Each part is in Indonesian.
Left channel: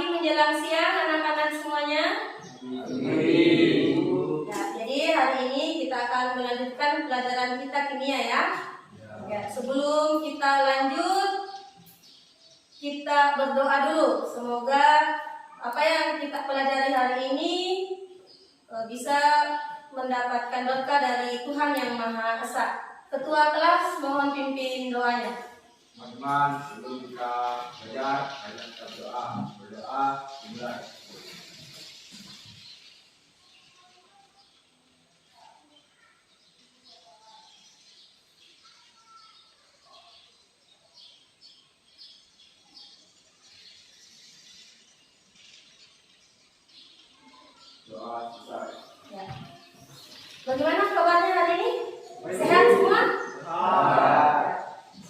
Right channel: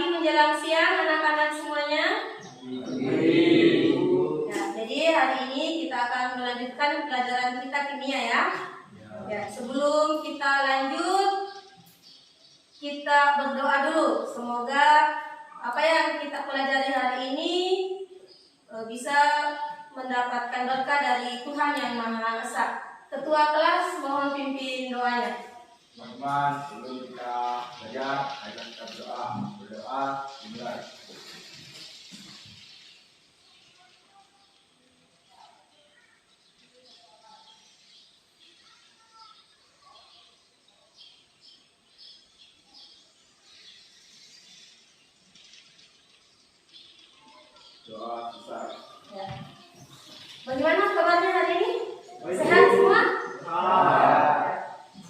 pagi menjelang siang anak-anak semuanya. Ya, jadi hari ini kita akan melanjutkan pelajaran kita kimia ya. Ya, sebelum kita lanjut, kita berdoa dulu. Semoga apa yang kita pelajari hari ini bisa mendapatkan berkah dari Tuhan yang Maha Esa. Ketua kelas mohon pimpin doanya. Teman-teman, sebelum kita belajar, ayo kita berdoa. Berdoa dimulai. Doa selesai. Ya. Bagaimana kabarnya hari ini? Sehat semua?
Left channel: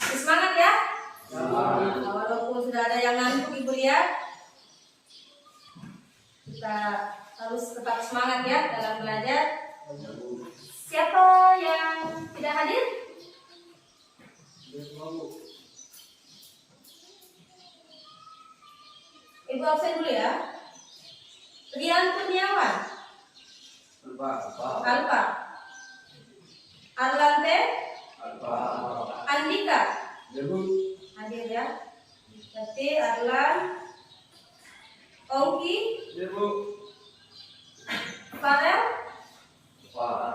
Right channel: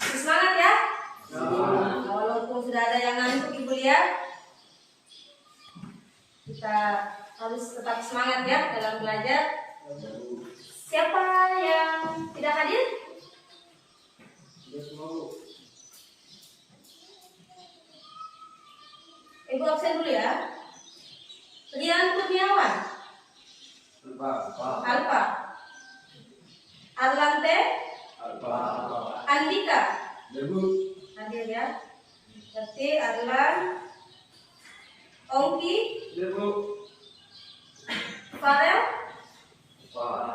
Semangat ya? Nah, walaupun sudah ada yang ngantuk ibu lihat, kita harus tetap semangat ya dalam belajar. Siapa yang tidak hadir? Ibu absen dulu ya. Rian Kurniawan, Alfa, Arlante, Andika, hadir ya. Berarti Arlan, Ongki, Farel,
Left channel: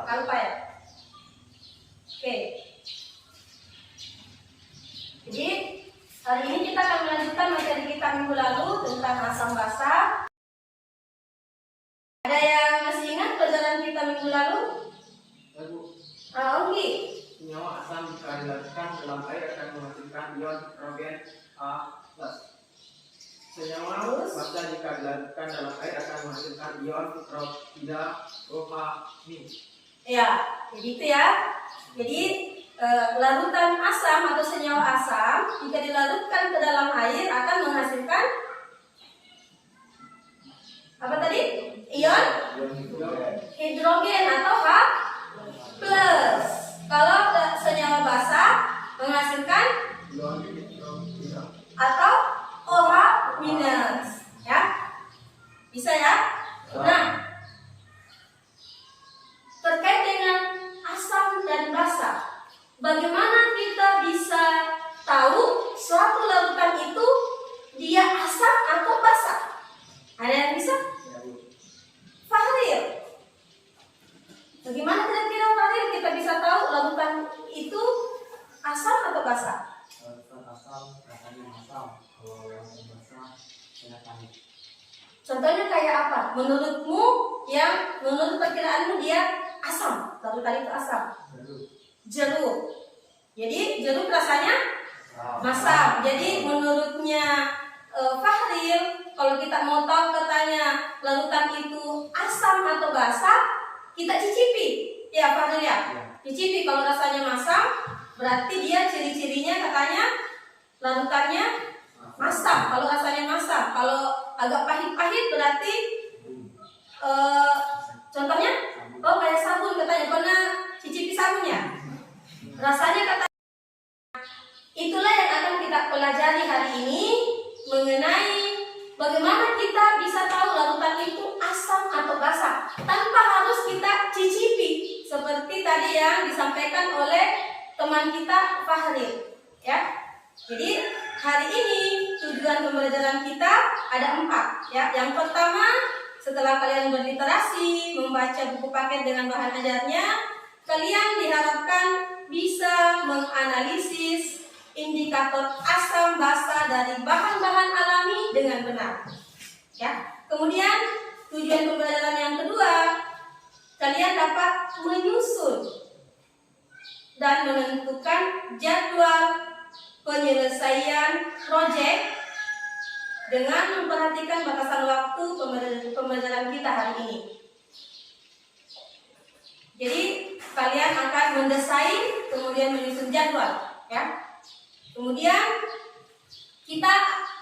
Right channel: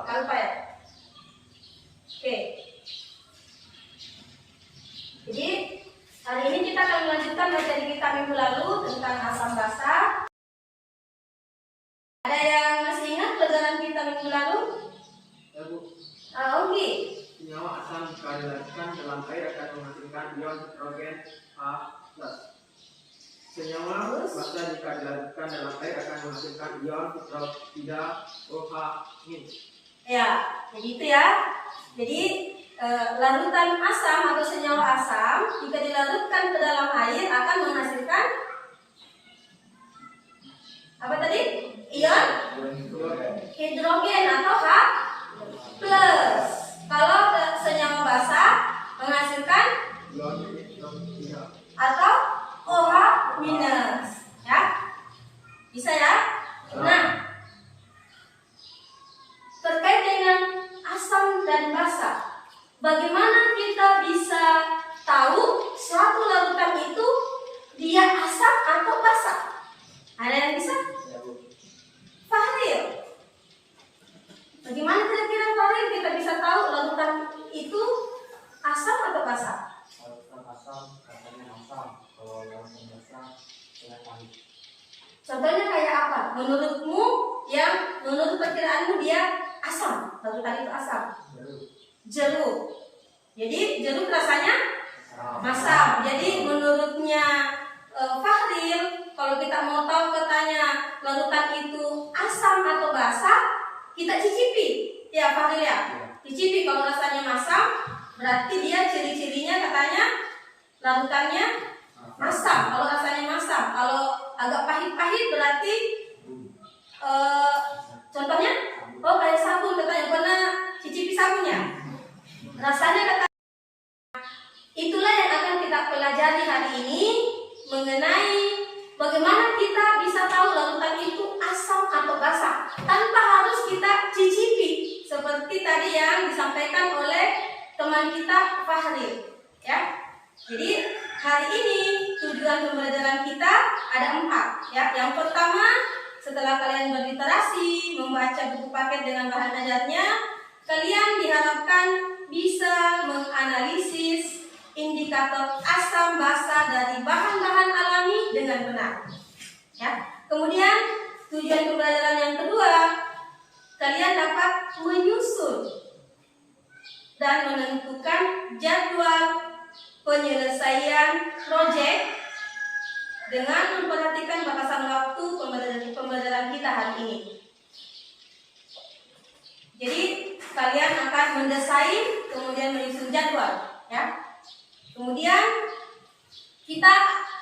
Alfa ya. Oke. Jadi hari ini kita akan melanjutkan materi kita minggu lalu tentang asam basa. Ada yang masih ingat pelajaran kita minggu lalu? Ongki. Senyawa asam jika dilarutkan dalam air akan menghasilkan ion hidrogen H+. Senyawa basa jika dilarutkan dalam air akan menghasilkan ion hidroksida OH-. Ya, jadi itu ya. Jadi larutan asam atau senyawa asam jika dilarutkan ke dalam air akan menghasilkan apa tadi? Ion hidrogen atau H+. Kalau senyawa basa menghasilkan Ion hidroksida atau OH- ya. Bisa ya? Nah, terkait dengan asam dan basa, bagaimana kita bisa tahu suatu larutan itu dia asam atau basa? Ada yang bisa? Fahril, bagaimana kira-kira Fahril kita bisa tahu larutan itu asam atau basa? Larutan asam rasanya asam, kalau larutan basa rasanya pahit. Contohnya kayak apa? Menurutmu, yang menurut perkiraanmu dia asam, larutan itu asam. Jeruk. Jadi jeruk rasanya asam. Jadi menurutnya Fahril, kalau kita mau tahu katanya larutan itu asam atau basa, kita cicipi. Ya Fahril ya. Cicipi, kalau rasanya masam, berarti dia ciri-cirinya katanya larutannya masam. Kalau rasanya masam, kalau agak pahit-pahit berarti contohnya, kayak sabun katanya, pernah cicipi sabunnya? Rasanya katanya. Itulah yang akan kita pelajari hari ini mengenai bagaimana kita bisa tahu larutan itu asam atau basa tanpa harus kita cicipi seperti tadi yang disampaikan oleh teman kita Fahril ya. Jadi hari ini tujuan pembelajaran kita ada 4 ya. Yang pertama, setelah kalian berliterasi membaca buku paket dengan bahan ajarnya, kalian diharapkan bisa menganalisis indikator asam basa dari bahan-bahan alami dengan benar. Ya. Kemudian tujuan pembelajaran yang kedua, kalian dapat menyusun dan menentukan jadwal penyelesaian proyek dengan memperhatikan batasan waktu pembelajaran kita hari ini. Jadi kalian akan mendesain, kemudian menyusun jadwal, ya. Kemudian kita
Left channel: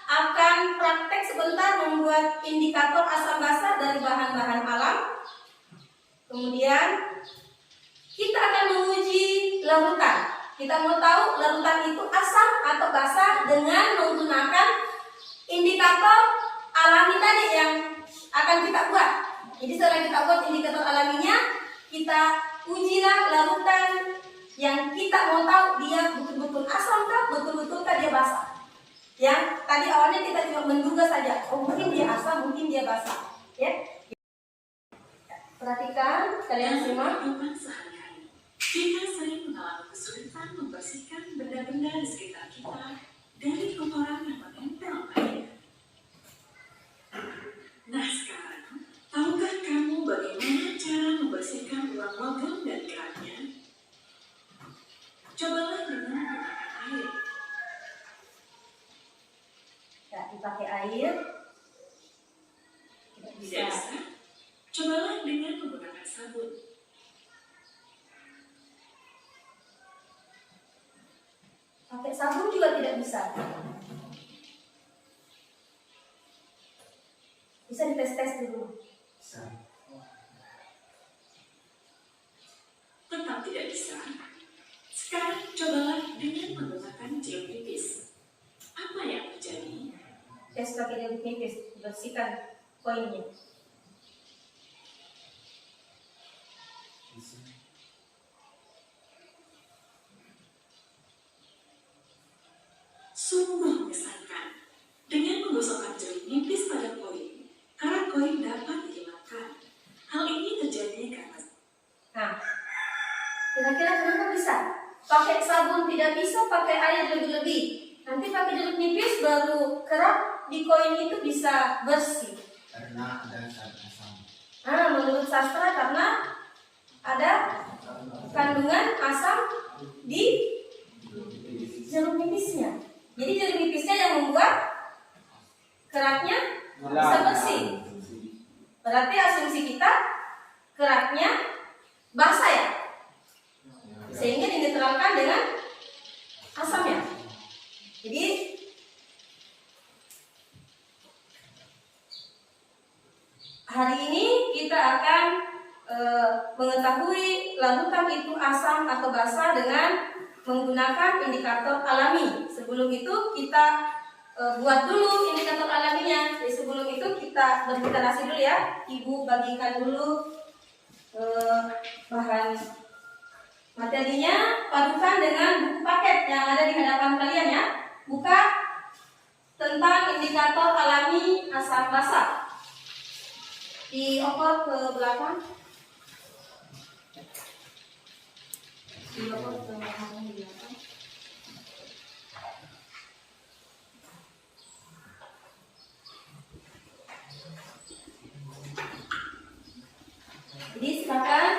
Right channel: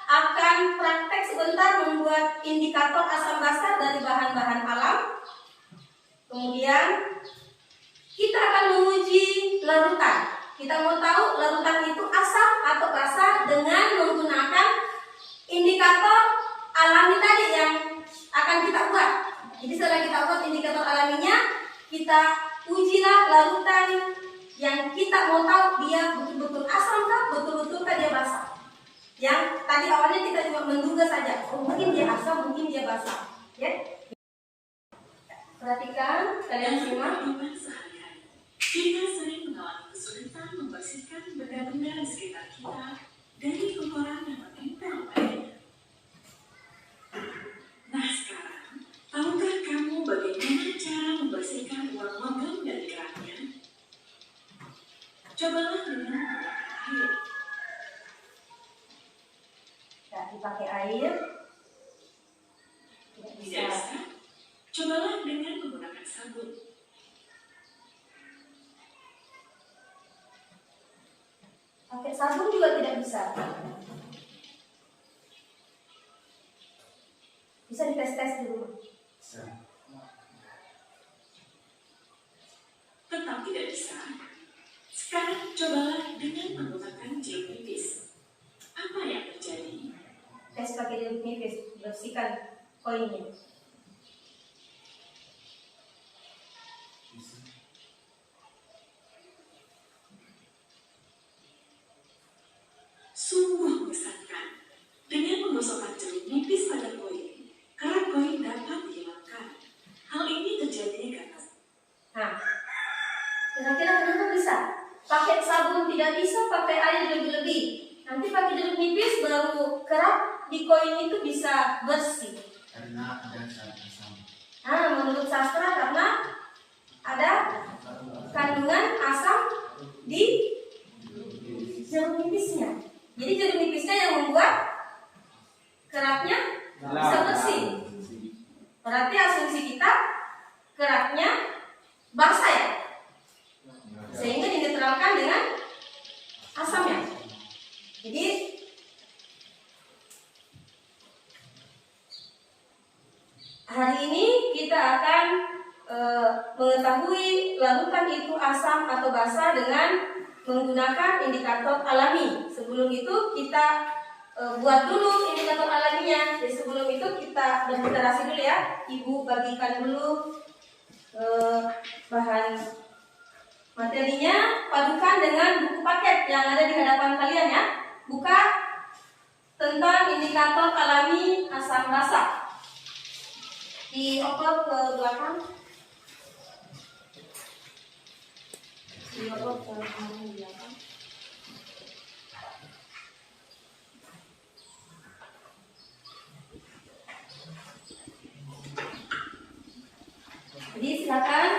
akan praktek sebentar membuat indikator asam basa dari bahan-bahan alam. Kemudian kita akan menguji larutan. Kita mau tahu larutan itu asam atau basa dengan menggunakan indikator alami tadi yang akan kita buat. Jadi setelah kita buat indikator alaminya, kita ujilah larutan yang kita mau tahu dia betul-betul asam kah, betul-betul kah dia basah. Yang tadi awalnya kita cuma menduga saja, oh mungkin dia asam, mungkin dia basah. Ya. Perhatikan, kalian simak. Kehidupan sehari-hari, kita sering mengalami kesulitan membersihkan benda-benda di sekitar kita dari kotoran yang menempel padanya. Nah sekarang, tahukah kamu bagaimana cara membersihkan uang logam dan keraknya? Cobalah dengan menggunakan air. Ya, dipakai air. Tidak Tidak bisa. bisa? Cobalah dengan menggunakan sabun. Pakai sabun juga tidak bisa. Bisa dites-tes dulu. Tetap tidak bisa. Sekarang cobalah dengan menggunakan jeruk nipis. Apa yang terjadi? Tes pakai jeruk nipis, bersihkan koinnya. Sungguh mengesankan. Dengan menggosokkan jeruk nipis pada koin, kerak koin dapat dihilangkan. Hal ini terjadi karena Nah, kira-kira kenapa bisa? Pakai sabun tidak bisa, pakai air lebih-lebih. Nanti pakai jeruk nipis baru kerak di koin itu bisa bersih. Karena ada zat asam. Nah, menurut sastra karena ada kandungan asam di jeruk nipisnya. Jadi jeruk nipisnya yang membuat keraknya bisa bersih. Berarti asumsi kita keraknya basah ya, sehingga dinetralkan dengan asamnya. Jadi hari ini kita akan mengetahui larutan itu asam atau basah dengan menggunakan indikator alami. Sebelum itu kita buat dulu indikator alaminya. Jadi sebelum itu kita berliterasi dulu ya. Ibu bagikan dulu bahan materinya, padukan dengan buku paket yang ada di hadapan kalian ya. Buka tentang indikator alami asam basah. Dioper ke belakang. Dioper ke belakang. Jadi silakan.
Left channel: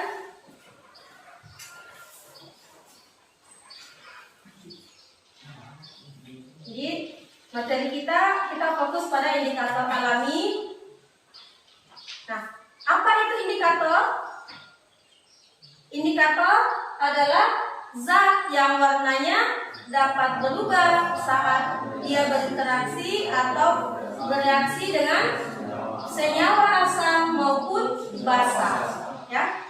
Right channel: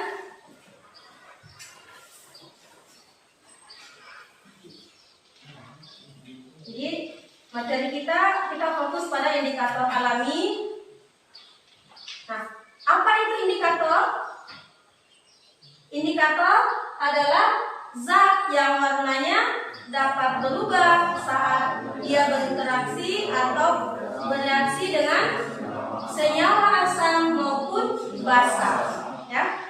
Jadi materi kita fokus pada indikator alami. Nah, apa itu indikator? Indikator adalah zat yang warnanya dapat berubah saat ia berinteraksi atau bereaksi dengan senyawa asam maupun basa. Ya.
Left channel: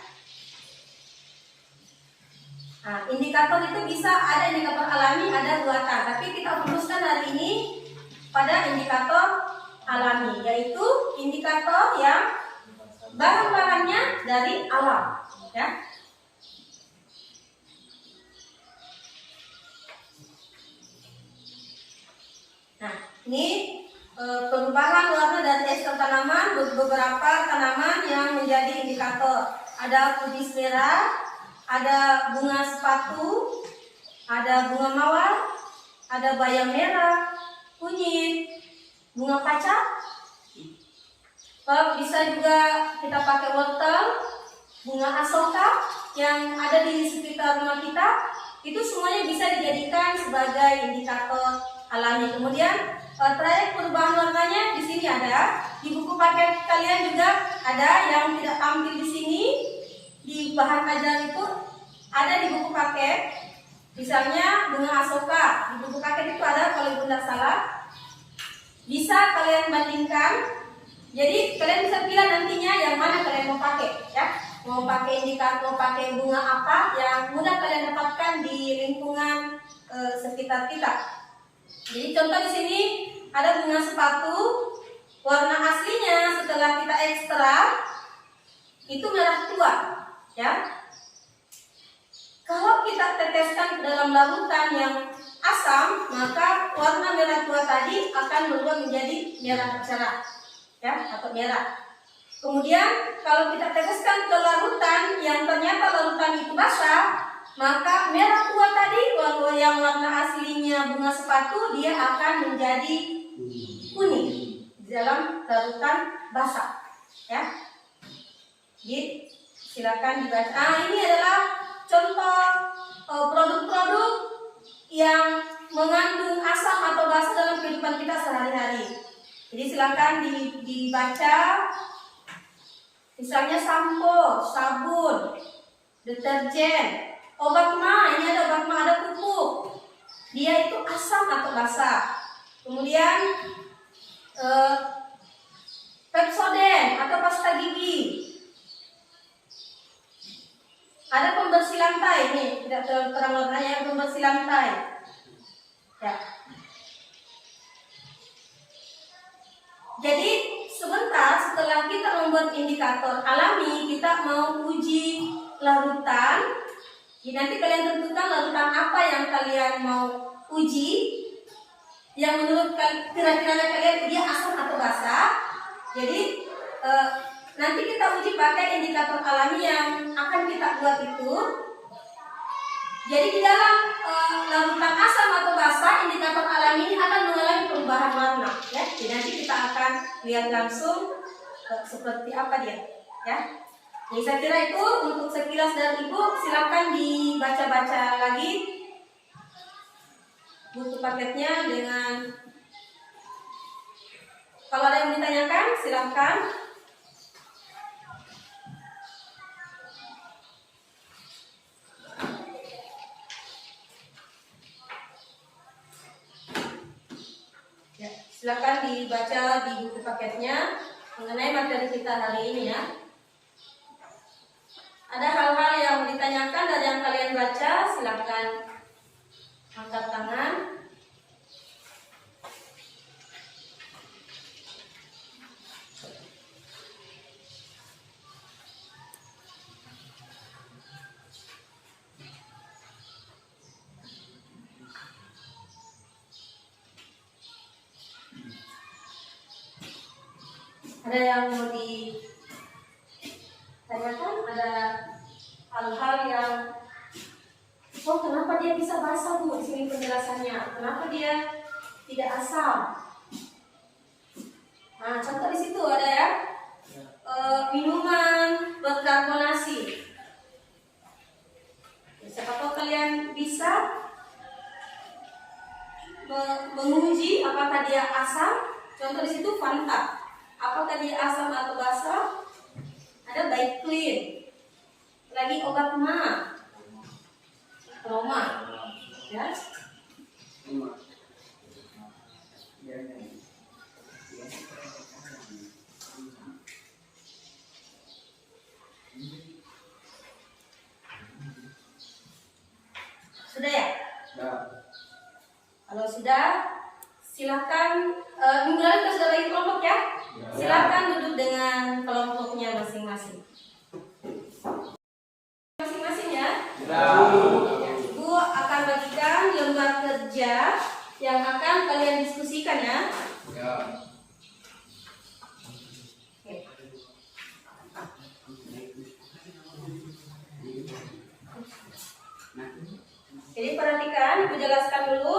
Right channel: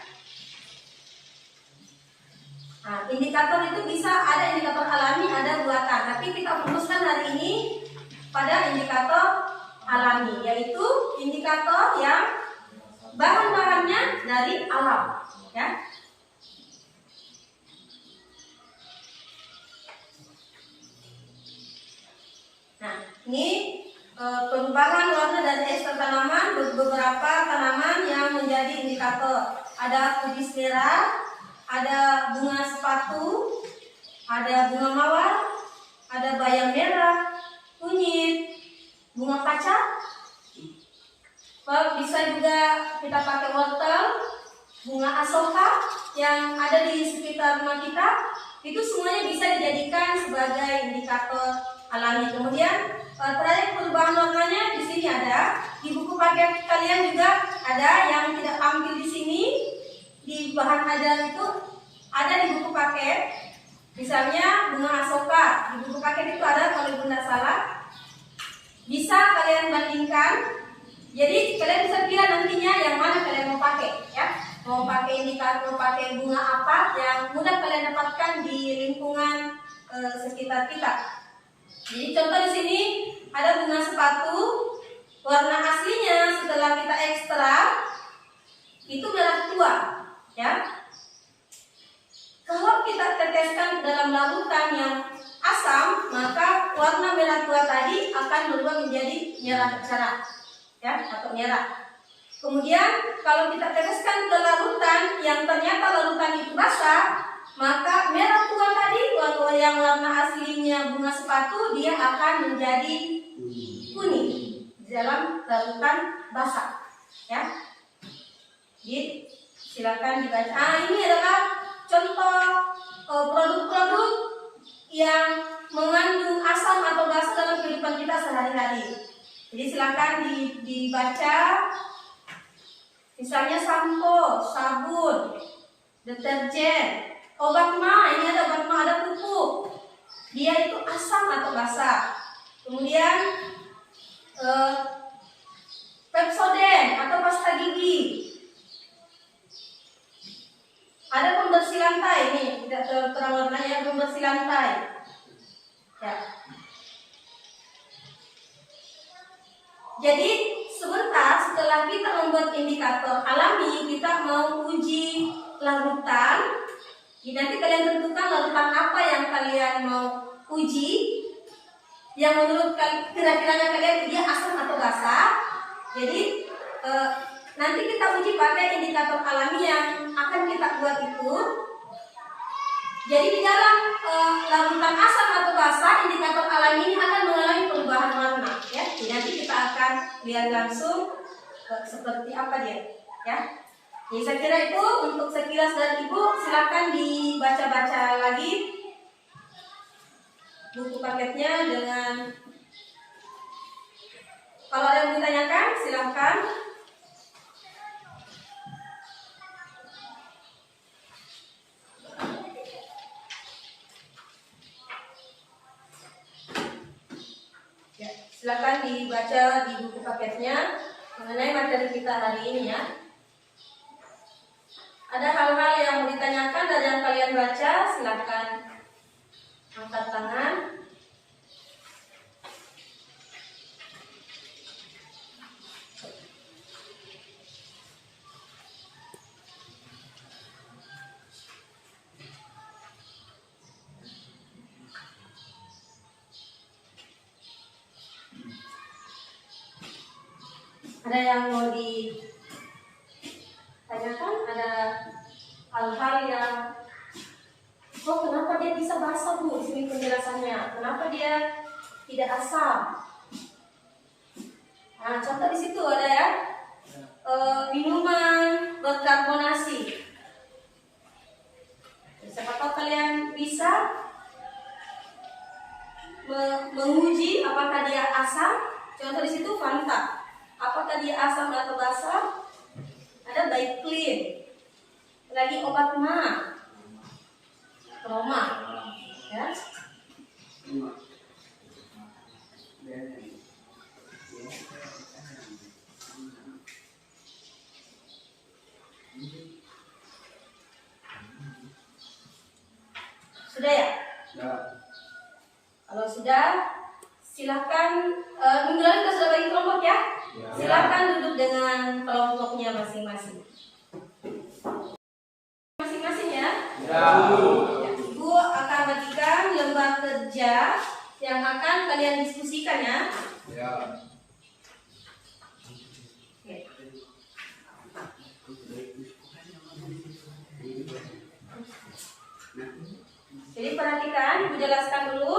Nah, indikator itu bisa ada indikator alami, ada buatan. Tapi kita fokuskan hari ini pada indikator alami, yaitu indikator yang bahan-bahannya dari alam. Ya. Nah, ini perubahan warna dari ekstrak tanaman, beberapa tanaman yang menjadi indikator. Ada kubis merah, ada bunga sepatu, ada bunga mawar, ada bayam merah, kunyit, bunga kaca. Bisa juga kita pakai wortel, bunga asoka yang ada di sekitar rumah kita. Itu semuanya bisa dijadikan sebagai indikator alami. Kemudian trayek perubahan warnanya di sini ada. Di buku paket kalian juga ada yang tidak tampil di sini. Di bahan ajar itu ada di buku paket. Misalnya bunga asoka di buku paket itu ada, kalau ibu tidak salah. Bisa kalian bandingkan. Jadi kalian bisa pilih nantinya yang mana kalian mau pakai, ya. Mau pakai indikator, mau pakai bunga apa yang mudah kalian dapatkan di lingkungan sekitar kita. Jadi contoh di sini ada bunga sepatu, warna aslinya setelah kita ekstrak itu merah tua, ya. Kalau kita teteskan ke dalam larutan yang asam, maka warna merah tua tadi akan berubah menjadi merah cerah, ya, atau merah. Kemudian kalau kita teteskan ke larutan yang ternyata larutan itu basah, maka merah tua tadi yang warna aslinya bunga sepatu dia akan menjadi kuning di dalam larutan basah, ya. Jadi silakan dibaca. Ini adalah contoh produk-produk yang mengandung asam atau basa dalam kehidupan kita sehari-hari. Jadi silakan dibaca. Misalnya sampo, sabun, deterjen, obat ma. Ini ada obat ma, ada pupuk. Dia itu asam atau basa. Kemudian Pepsodent atau pasta gigi. Ada pembersih lantai nih, tidak terang warnanya, pembersih lantai. Ya. Jadi sebentar setelah kita membuat indikator alami, kita mau uji larutan. Jadi nanti kalian tentukan larutan apa yang kalian mau uji, yang menurut kira-kiranya kalian dia asam atau basa. Jadi nanti kita uji pakai indikator alami yang akan kita buat itu. Jadi di dalam larutan asam atau basa, indikator alami ini akan mengalami perubahan warna, ya. Jadi nanti kita akan lihat langsung seperti apa dia, ya. Jadi saya kira itu untuk sekilas dari Ibu, silakan dibaca-baca lagi buku paketnya dengan, kalau ada yang ditanyakan silakan. Silakan dibaca di buku paketnya mengenai materi kita hari ini, ya. Ada hal-hal yang mau ditanyakan dari yang kalian baca, silakan angkat tangan. Ada yang mau ditanyakan? Ada hal-hal yang, oh kenapa dia bisa basah Bu? Di sini penjelasannya. Kenapa dia tidak asam? Nah, contoh di situ ada ya, minuman berkarbonasi. Apakah kalian bisa menguji apakah dia asam? Contoh di situ Fanta. Apakah dia asam atau basa? Ada Baik Clean. Lagi obat ma, Roma, ya. Sudah ya? Kalau sudah, silakan. Minggu lalu kita sudah bagi kelompok ya. Silakan duduk dengan kelompoknya masing-masing. Masing-masing ya. Ibu akan bagikan lembar kerja yang akan kalian diskusikan ya. Oke. Jadi perhatikan, Ibu jelaskan dulu.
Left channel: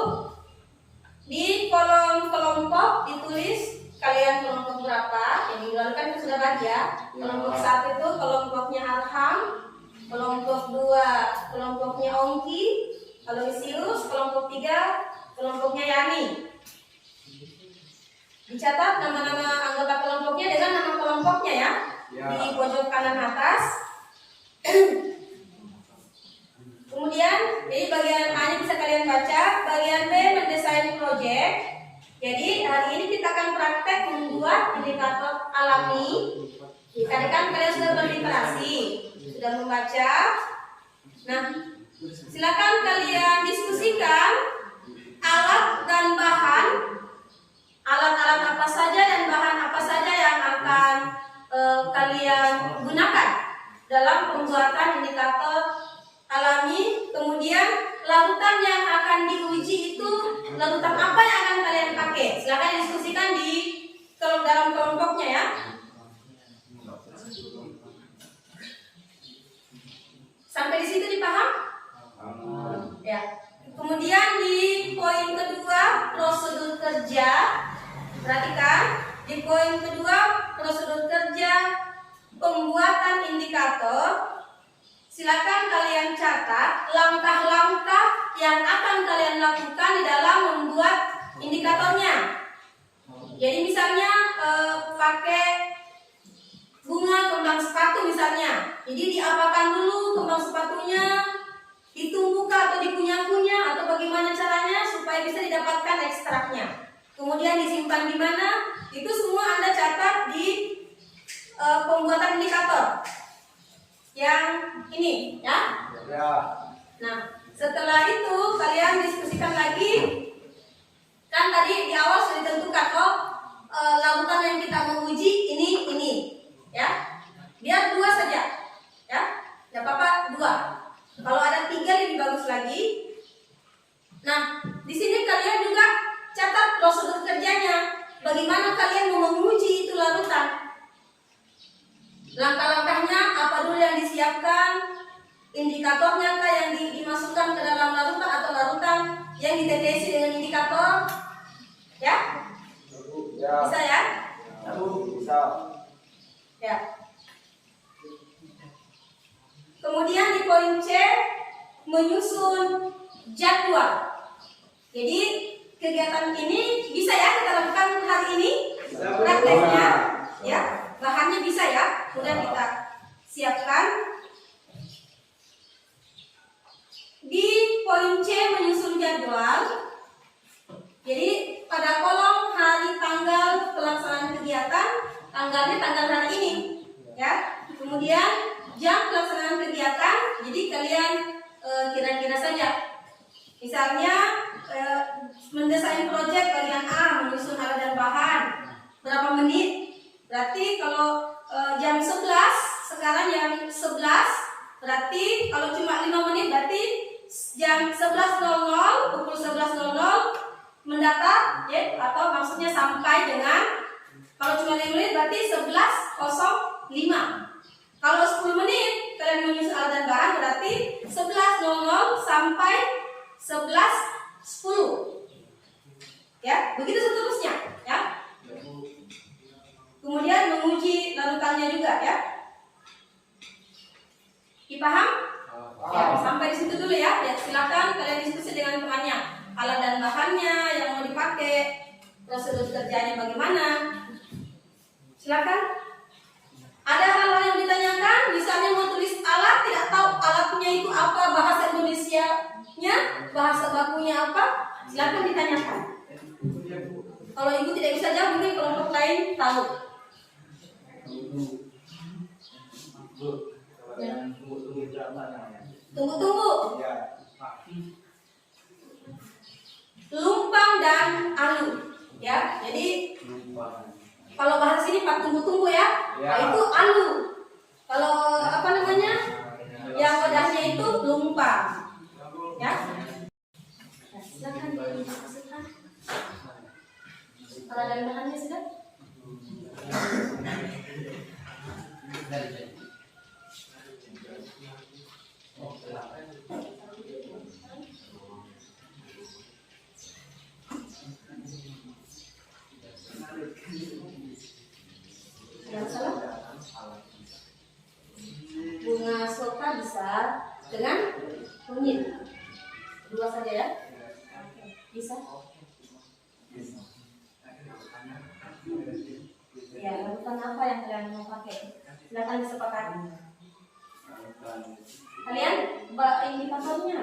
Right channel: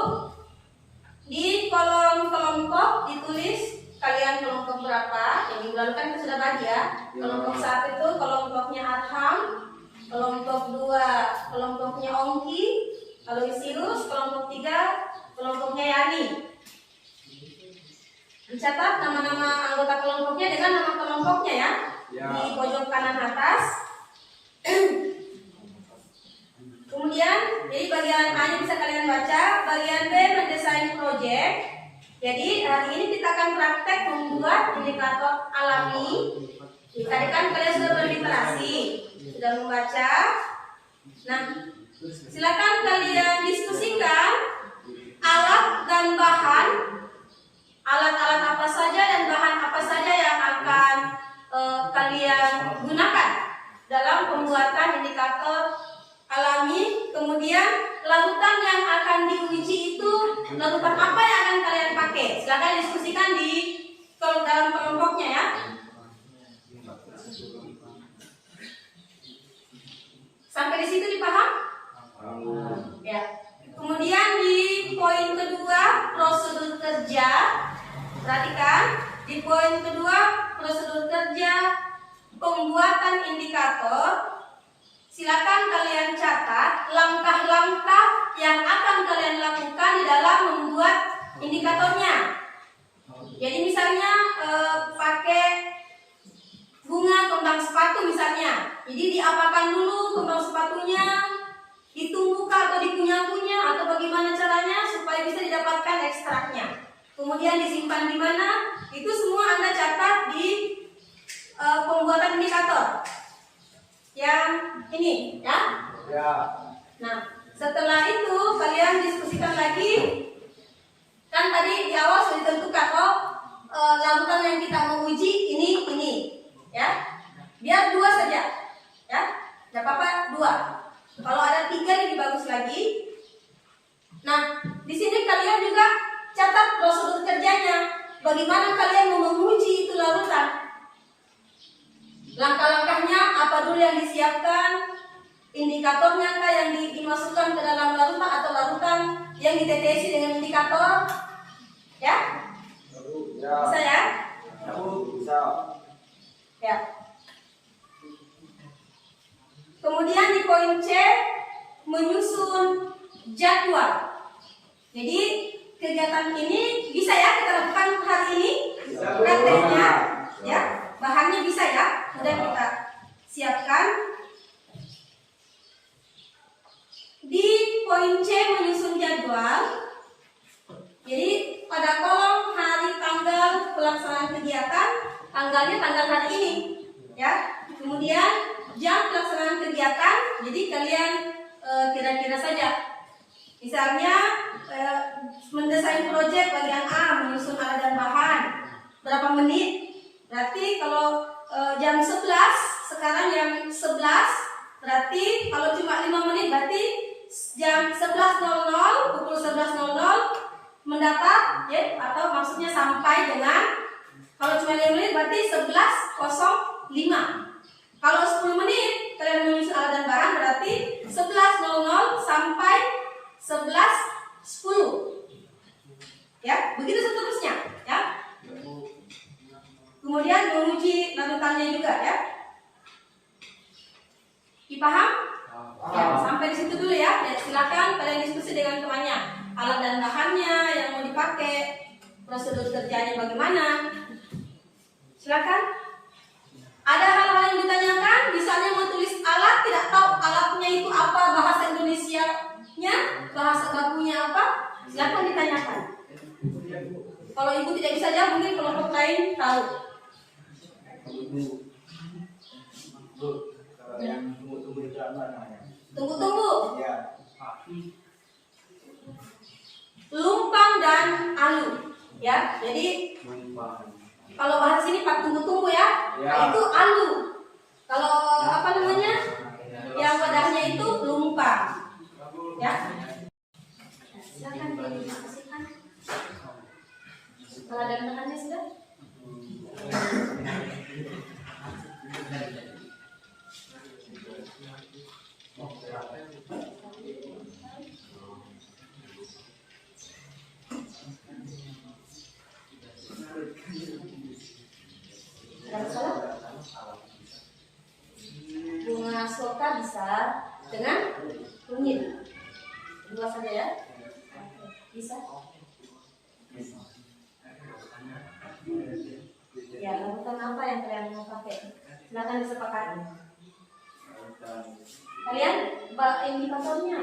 Di kolom kelompok ditulis kalian kelompok berapa. Yang minggu lalu kan sudah bagi ya. Kelompok 1 itu kelompoknya Arham, kelompok 2 kelompoknya Ongki, Aloysius, kelompok 3 kelompoknya Yani. Dicatat nama-nama anggota kelompoknya dengan nama kelompoknya ya. Di pojok kanan atas. Kemudian, jadi bagian A ini bisa kalian baca. Bagian B mendesain proyek. Jadi hari ini kita akan praktek membuat indikator alami. Tadi kan kalian sudah berliterasi, sudah membaca. Nah, silakan kalian diskusikan alat dan bahan, alat-alat apa saja dan bahan apa kalian gunakan dalam pembuatan indikator alami. Kemudian larutan yang akan diuji itu larutan apa yang akan kalian pakai? Silakan diskusikan di dalam kelompoknya ya. Sampai di situ dipaham? Ya. Kemudian di poin kedua prosedur kerja. Perhatikan di poin kedua prosedur kerja pembuatan indikator. Silakan kalian catat langkah-langkah yang akan kalian lakukan di dalam membuat indikatornya. Jadi misalnya pakai bunga kembang sepatu misalnya. Jadi diapakan dulu kembang sepatunya, ditumbuk atau dikunyah-kunyah atau bagaimana caranya supaya bisa didapatkan ekstraknya. Kemudian disimpan di mana? Itu semua Anda catat di pembuatan indikator. Yang ini ya. Ya. Nah, setelah itu kalian diskusikan lagi. Kan tadi di awal sudah ditentukan larutan yang kita mau uji ini ya. Biar 2 saja. Ya. Enggak apa-apa 2. Kalau ada 3 lebih bagus lagi. Nah, di sini kalian juga catat prosedur kerjanya. Bagaimana kalian mau menguji itu larutan? Langkah-langkahnya apa dulu yang disiapkan? Indikatornya kah yang dimasukkan ke dalam larutan atau larutan yang ditetesi dengan indikator? Ya? Bisa ya? Bisa. Ya. Kemudian di poin C menyusun jadwal. Jadi kegiatan ini bisa ya kita lakukan hari ini. Prakteknya ya. Bahannya bisa ya, sudah kita siapkan. Di poin C menyusun jadwal. Jadi pada kolom hari tanggal pelaksanaan kegiatan, tanggalnya tanggal hari ini, ya. Kemudian jam pelaksanaan kegiatan. Jadi kalian kira-kira saja. Misalnya mendesain proyek bagian A, menyusun alat dan bahan, berapa menit? Berarti kalau jam 11, sekarang jam 11, berarti kalau cuma 5 menit berarti jam 11.00, pukul 11.00 mendatar ya, atau maksudnya sampai dengan, kalau cuma 5 menit berarti 11.05. Kalau 10 menit kalian menyusun alat dan barang berarti 11.00 sampai 11.10. Ya, begitu seterusnya ya. Kemudian menguji larutannya juga ya. Dipaham? Ya, sampai di situ dulu ya. Ya, silakan kalian diskusi dengan temannya. Alat dan bahannya yang mau dipakai, prosedur kerjanya bagaimana. Silakan. Ada hal-hal yang ditanyakan, misalnya mau tulis alat, tidak tahu alatnya itu apa, bahasa Indonesianya, bahasa bakunya apa, silakan ditanyakan. Kalau ibu tidak bisa jawab, mungkin kelompok lain tahu. Tunggu-tunggu. Lumpang dan alu. Ya, jadi kalau bahas sini pak tunggu-tunggu ya. Nah, itu alu. Kalau apa namanya? Yang wadahnya itu lumpang. Ya. Nah, silakan dimasukkan. Kalau ada bahannya sudah. Ada salah? Bunga soka bisa dengan kunyit. 2 saja ya. Bisa. Ya, larutan apa yang kalian mau pakai? Silakan disepakati. Kalian indikatornya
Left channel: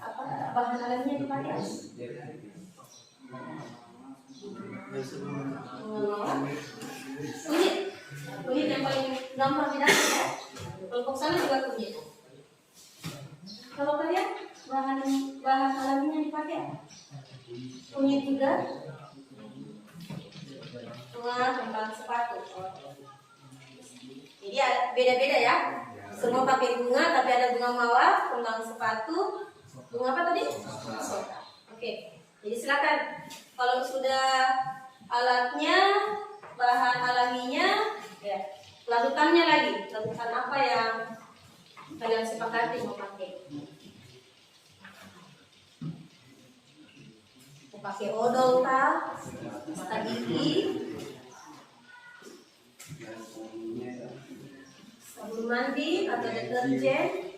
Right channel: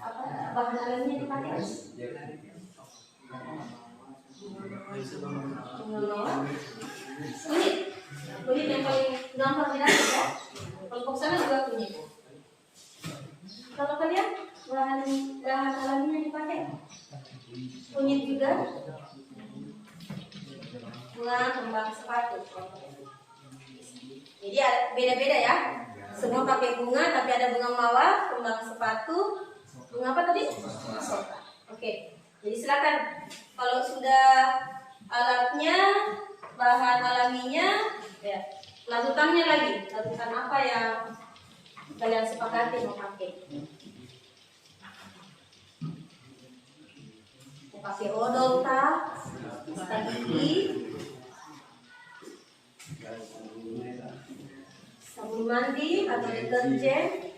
apa bahan alamnya dipakai? Kunyit yang paling gampang didapat ya. Kelompok sana juga kunyit. Kalau kalian bahan alaminya dipakai kunyit juga. Bunga kembang sepatu. Jadi beda-beda ya. Semua pakai bunga, tapi ada bunga mawar, kembang sepatu, bunga apa tadi? Oke. Jadi silakan. Kalau sudah alatnya, bahan alaminya, ya, larutannya lagi. Larutan apa yang kalian sepakati mau pakai? Mau pakai odol kah? Pasta gigi, sabun mandi atau deterjen?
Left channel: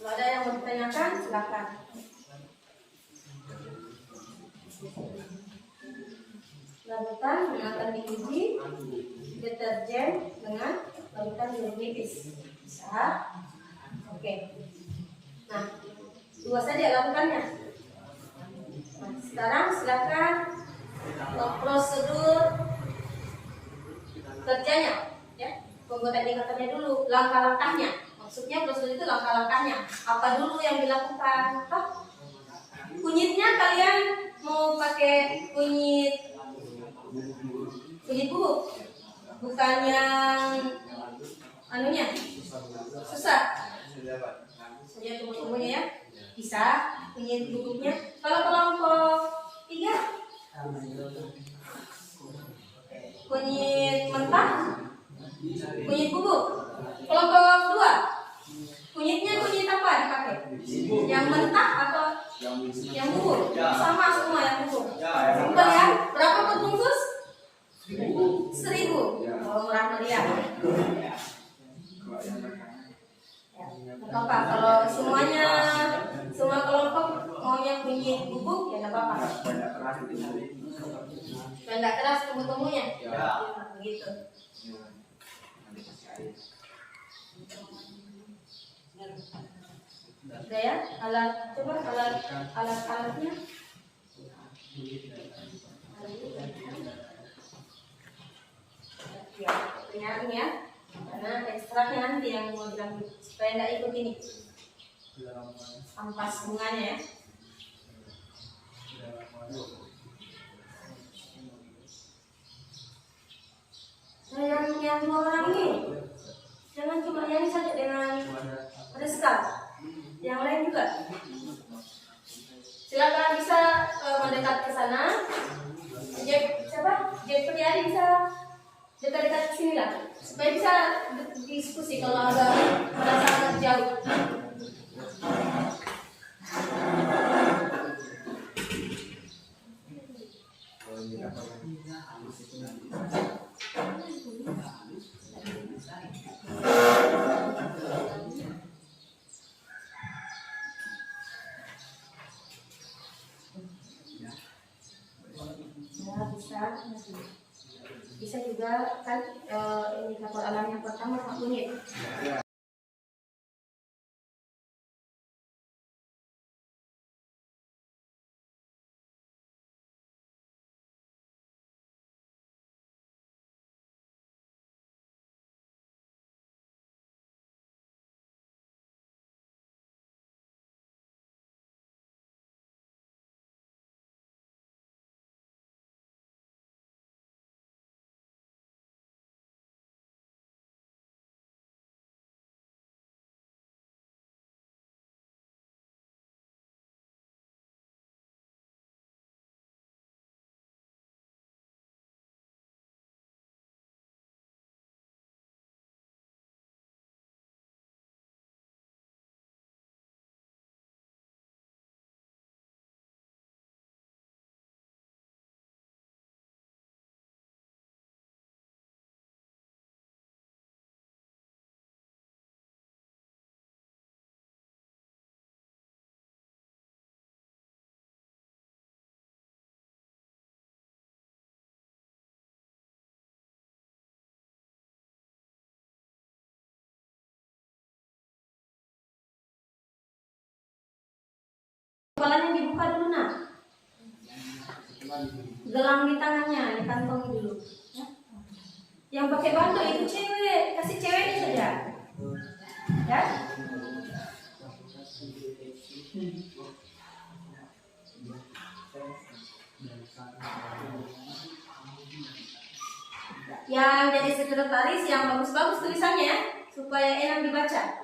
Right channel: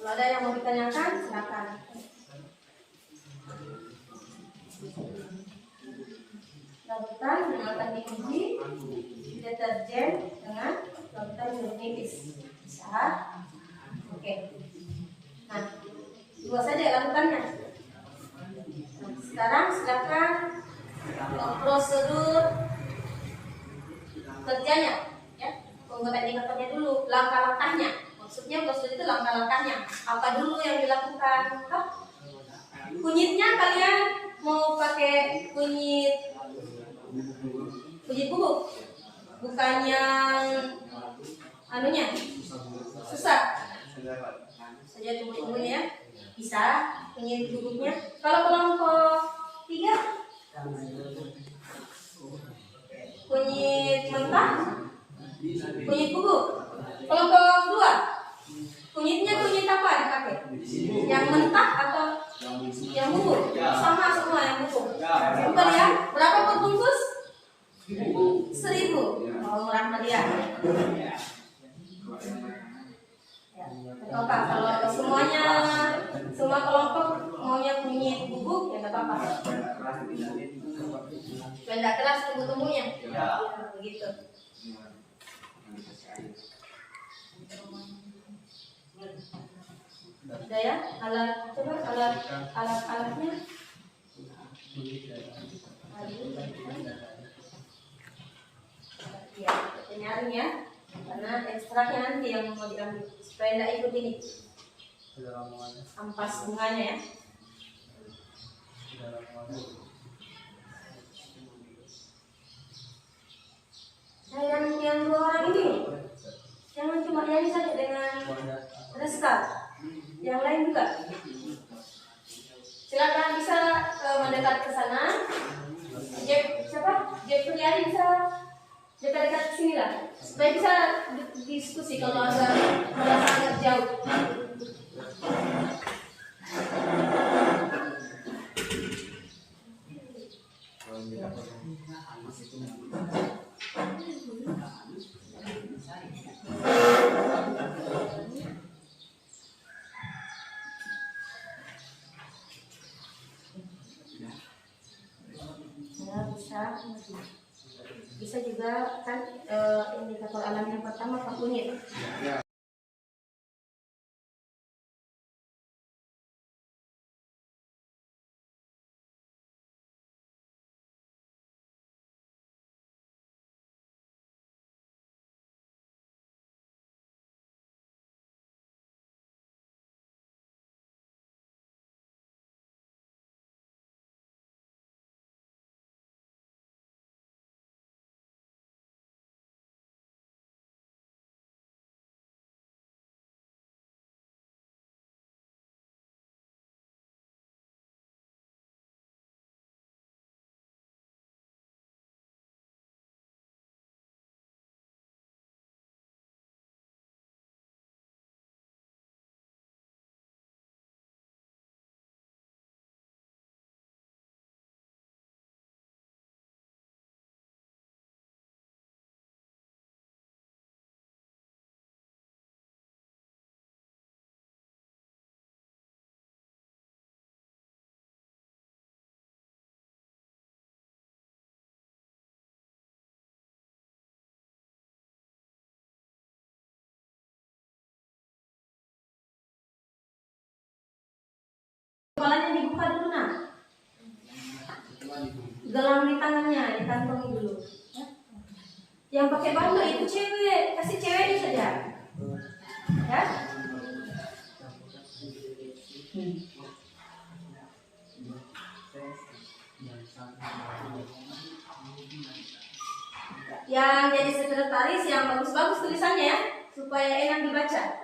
Kalau ada yang mau ditanyakan, silakan. Larutan dengan akan diuji, deterjen dengan larutan jeruk nipis. Bisa? Oke. Nah, 2 saja larutannya. Nah, sekarang silakan prosedur kerjanya, ya. Pembuatan indikatornya dulu, langkah-langkahnya. Maksudnya prosedur itu langkah-langkahnya. Apa dulu yang dilakukan? Kunyitnya kalian mau pakai kunyit bubuk, bukan yang anunya susah. Saja tunggu-tunggunya ya. Bisa kunyit bubuknya. Kalau kelompok 3 kunyit mentah, kunyit bubuk. Kelompok 2 kunyitnya kunyit apa dipakai? Yang mentah atau yang bubuk? Sama semua yang bubuk. Simpel ya. Berapa per bungkus? 1.000. Oh, murah meriah. Ya, apa? Kalau semuanya, semua kelompok maunya kunyit bubuk, ya nggak apa-apa. Benda keras tumbuh-tumbuhnya. Ya, begitu. Udah ya, coba alatnya. Ya, penyaring ya, karena ekstraknya nanti yang mau diambil supaya tidak ikut ini ampas bunganya ya. Jangan yang 2 orang ini, jangan cuma yang saja dengan Rizka, yang lain juga. Silakan bisa mendekat ke sana. Jep Priadi bisa dekat-dekat ke sini lah, supaya bisa diskusi kalau agak merasa agak jauh. Bisa juga kan indikator alam yang pertama Pak kunyit. Kepalanya dibuka dulu nak. Gelang di tangannya dikantongi dulu. Ya. Yang pakai bando itu cewek, kasih ceweknya saja. Ya. yang jadi sekretaris yang bagus-bagus tulisannya ya, supaya enak dibaca.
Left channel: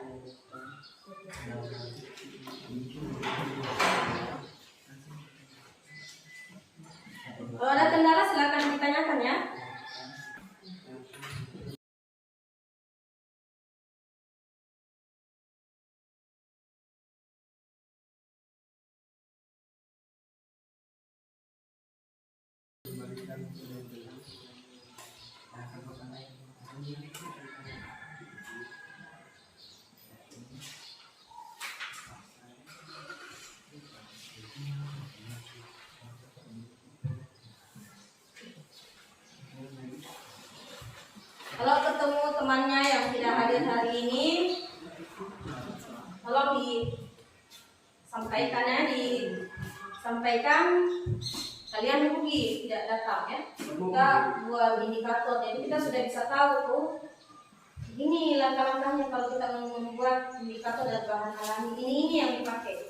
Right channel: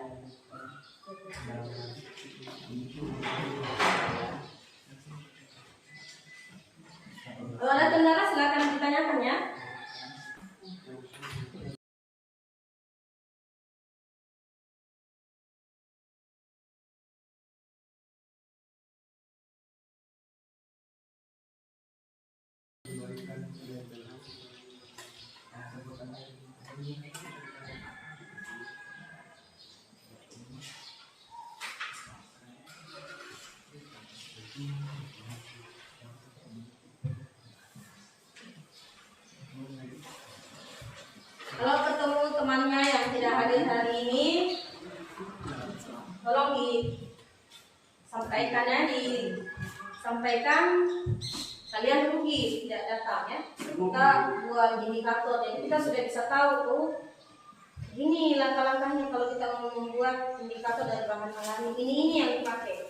Kalau ada kendala silakan ditanyakan ya. Kalau ketemu temannya yang tidak hadir hari ini, tolong disampaikan kalian rugi tidak datang ya. Kita buat indikator, jadi kita sudah bisa tahu ini langkah-langkahnya kalau kita membuat indikator dari bahan alami ini yang dipakai.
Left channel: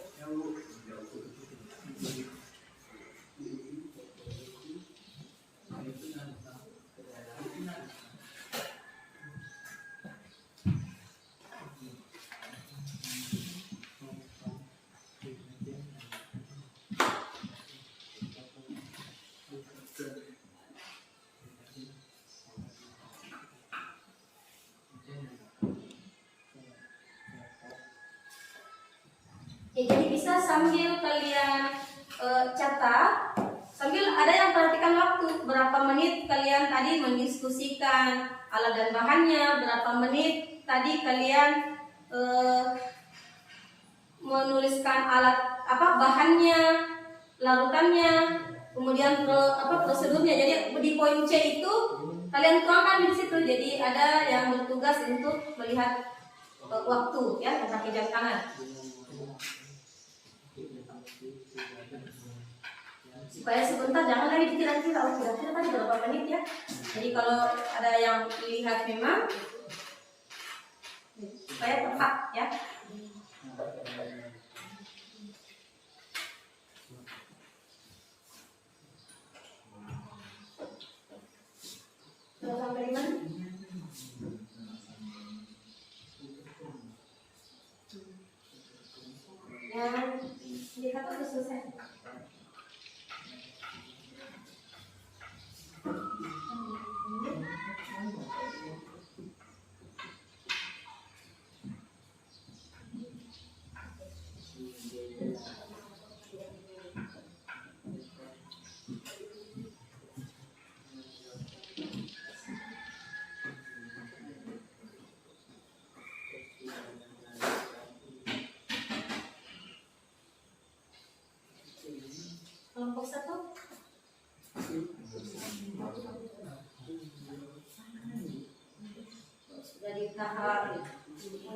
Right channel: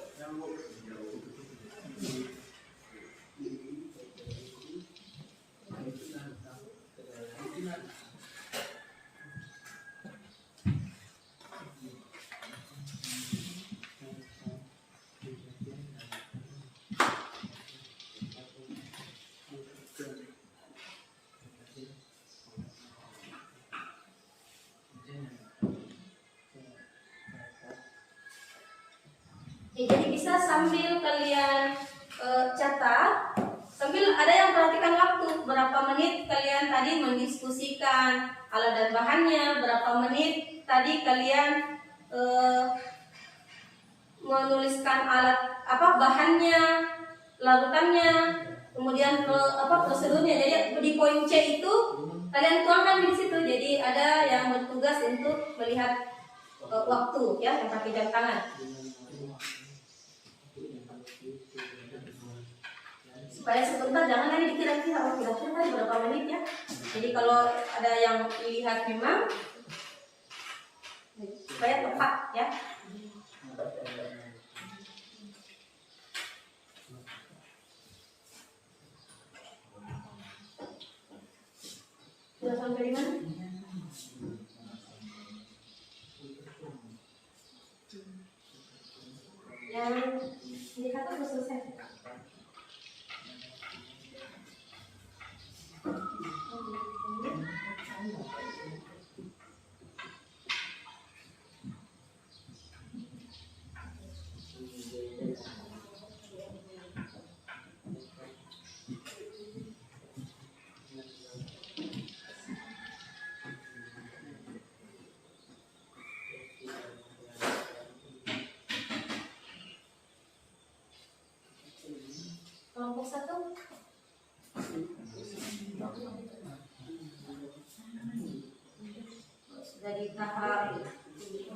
Ya, jadi bisa sambil kalian catat, sambil ada yang perhatikan waktu, berapa menit kalian tadi mendiskusikan alat dan bahannya, berapa menit tadi kalian menuliskan alat bahannya, larutannya, kemudian prosedurnya. Jadi di poin C itu kalian tuangkan di situ. Jadi ada yang bertugas untuk melihat waktu ya, yang pakai jam tangan. Supaya sebentar jangan lagi dikira-kira, kira-kira tadi berapa menit ya. Jadi kalau ada yang lihat memang supaya tepat ya. Sudah sampai di mana? Yang indikator sudah selesai. Kelompok 1 sudah di tahap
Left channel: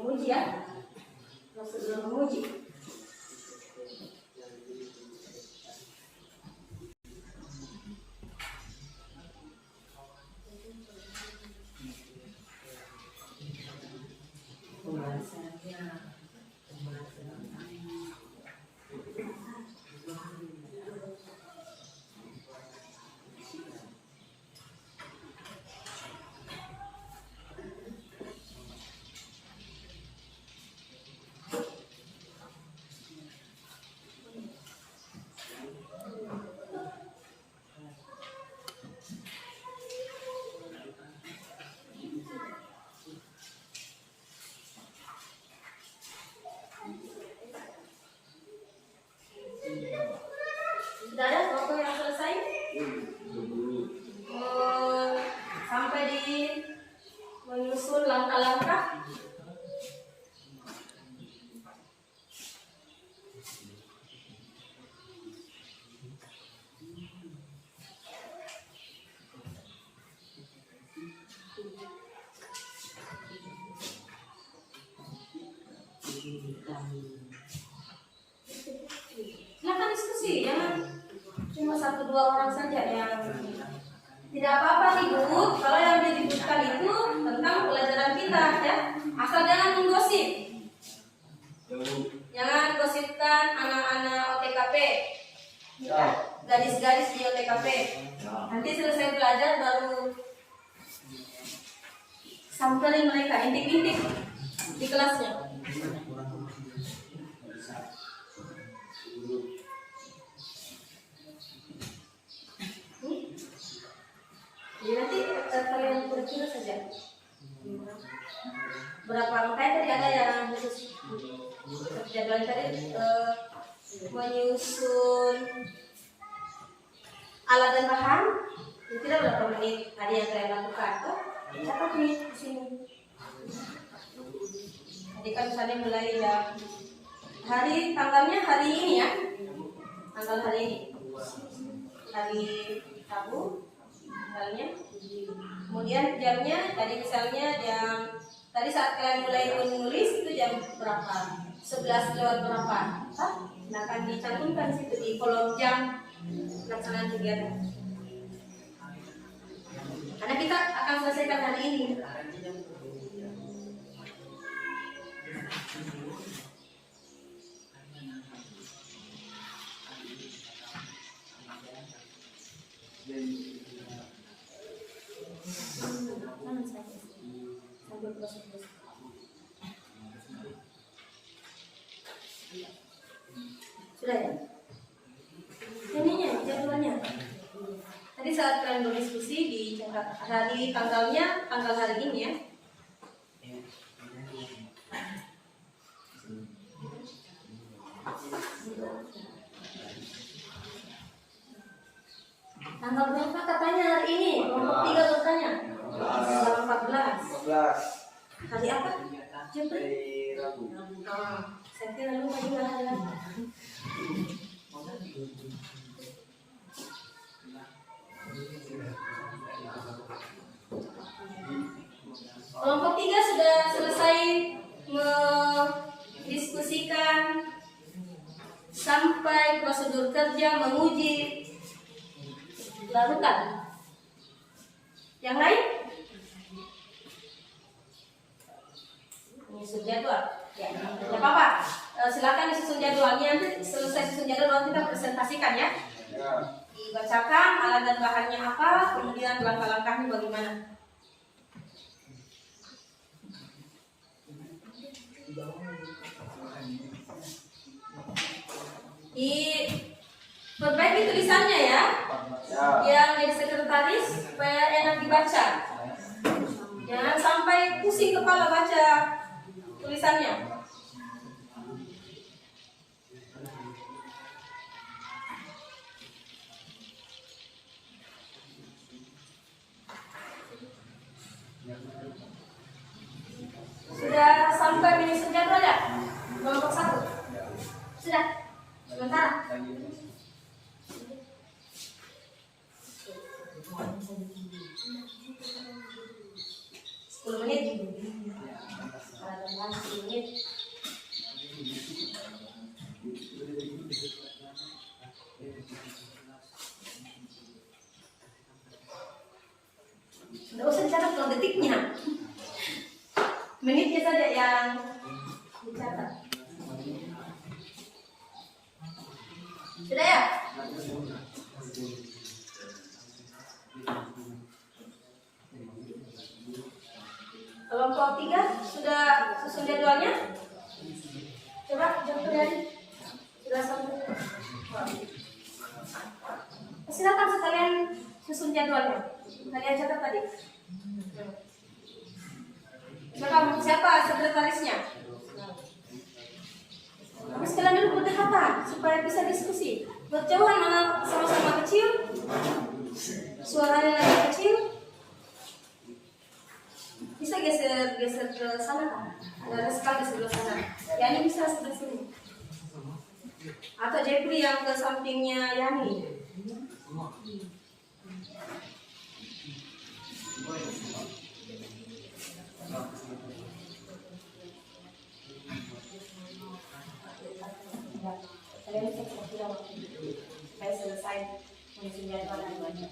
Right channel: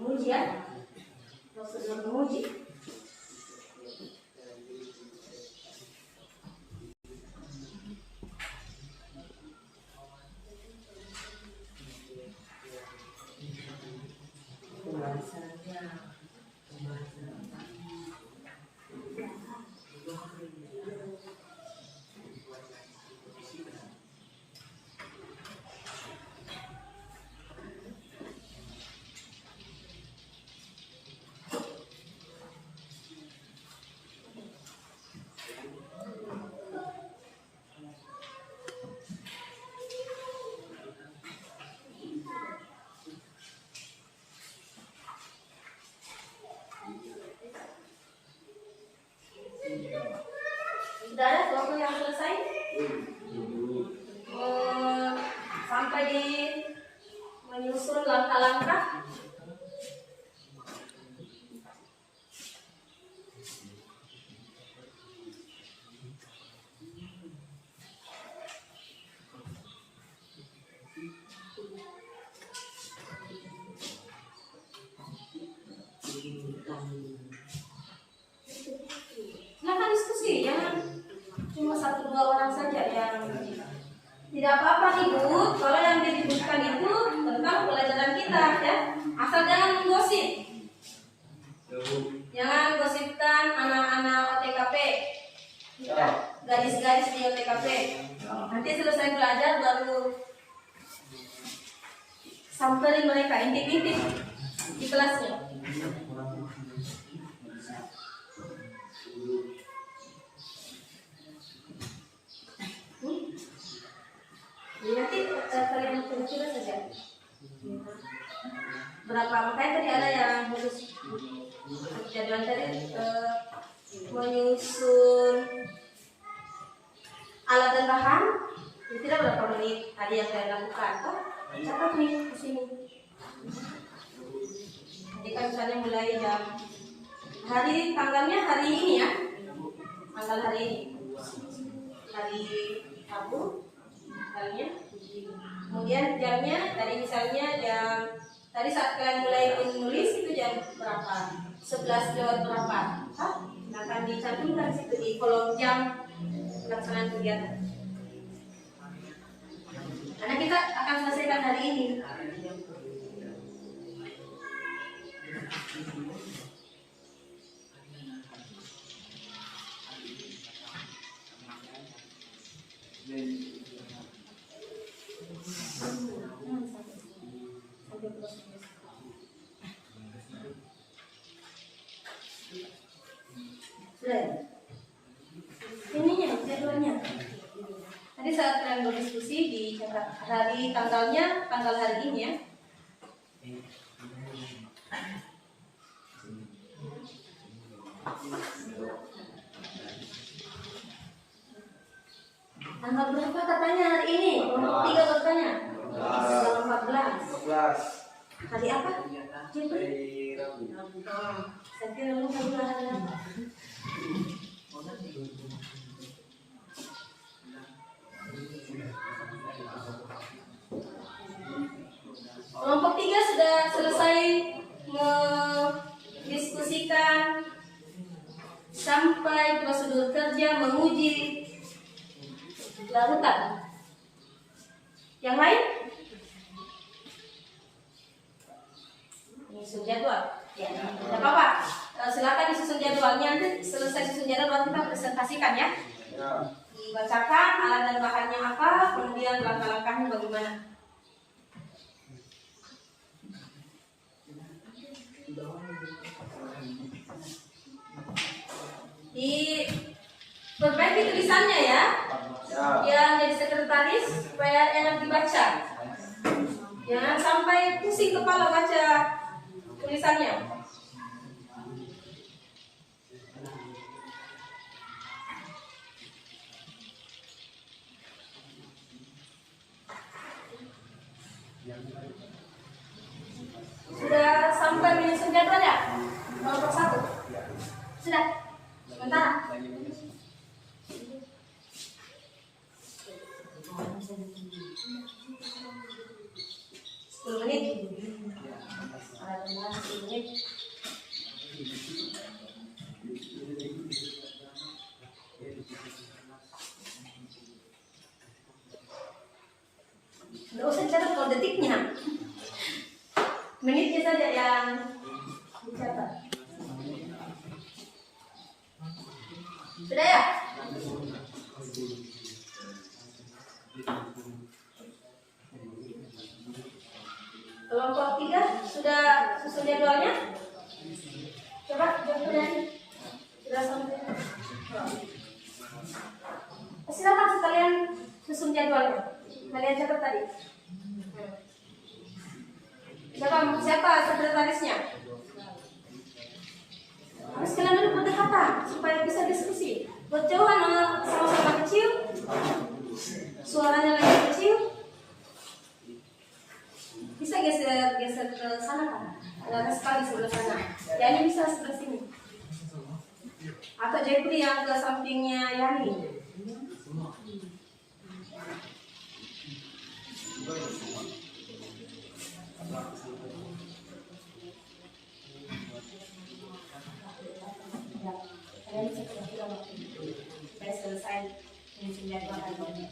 menguji ya, prosedur menguji. Sudah ada kelompok yang selesai? Sampai di menyusun langkah-langkah. Silakan diskusi, jangan cuma 1-2 orang saja yang tidak apa-apa nih Bu. Kalau yang diributkan itu tentang pelajaran kita ya, asal jangan menggosip. Jangan gosipkan anak-anak OTKP ya, gadis-gadis di OTKP. Nanti selesai belajar baru Samperin mereka, intip-intip di kelasnya. Jadi nanti kalian kira-kira saja berapa, makanya tadi ada yang khusus jadwal tadi menyusun alat dan bahan itu tidak berapa menit tadi yang kalian lakukan kan? Catat nih di sini. Jadi kan misalnya mulai jam hari tanggalnya hari ini ya, tanggal hari ini, hari Rabu tanggalnya. Kemudian jamnya tadi misalnya jam tadi saat kalian mulai menulis itu jam berapa? 11 lewat berapa? Nah, akan dicantumkan situ di kolom jam pelaksanaan kegiatan. Karena kita akan selesaikan hari ini. Sudah ya? Ininya jadwalnya. Tadi saat kalian berdiskusi dicatat hari tanggalnya, tanggal hari ini ya. Tanggal berapa katanya hari ini? Kelompok 3 bertanya. Tanggal 14. Hari apa? Jepri. Rabu. Saya kira lupa juga hari apa. Kelompok 3 sudah selesai mendiskusikan sampai prosedur kerja menguji larutan. Yang lain? Susun jadwal. Ya, tidak apa-apa. Silakan disusun jadwalnya. Nanti selesai susun jadwal kita presentasikan ya. Dibacakan alat dan bahannya apa, kemudian langkah-langkahnya bagaimana. Diperbaiki tulisannya ya, yang jadi sekretaris supaya enak dibaca. Jangan sampai pusing kepala baca tulisannya. Sudah sampai menyusun jadwal ya? Kelompok 1 sudah? Sementara 10 menit. Ada 10 menit. Nggak usah catat kalau detiknya, menitnya saja yang dicatat. Sudah ya? Kelompok 3 sudah susun jadwalnya? Coba dari sudah sampai. Silakan sekalian susun jadwalnya. Kalian catat tadi. Siapa sekretarisnya? Terus kalian dulu berdekatan supaya bisa diskusi. Berjauhan mana sama-sama kecil, suaranya lagi kecil. Bisa geser ke sana kan? Ada sekali sebelah sana. Yani bisa sebelah sini. Atau Jepri yang ke sampingnya Yani. Kalian bisa kira-kira waktu itu supaya selesai menyusun jadwal lagi.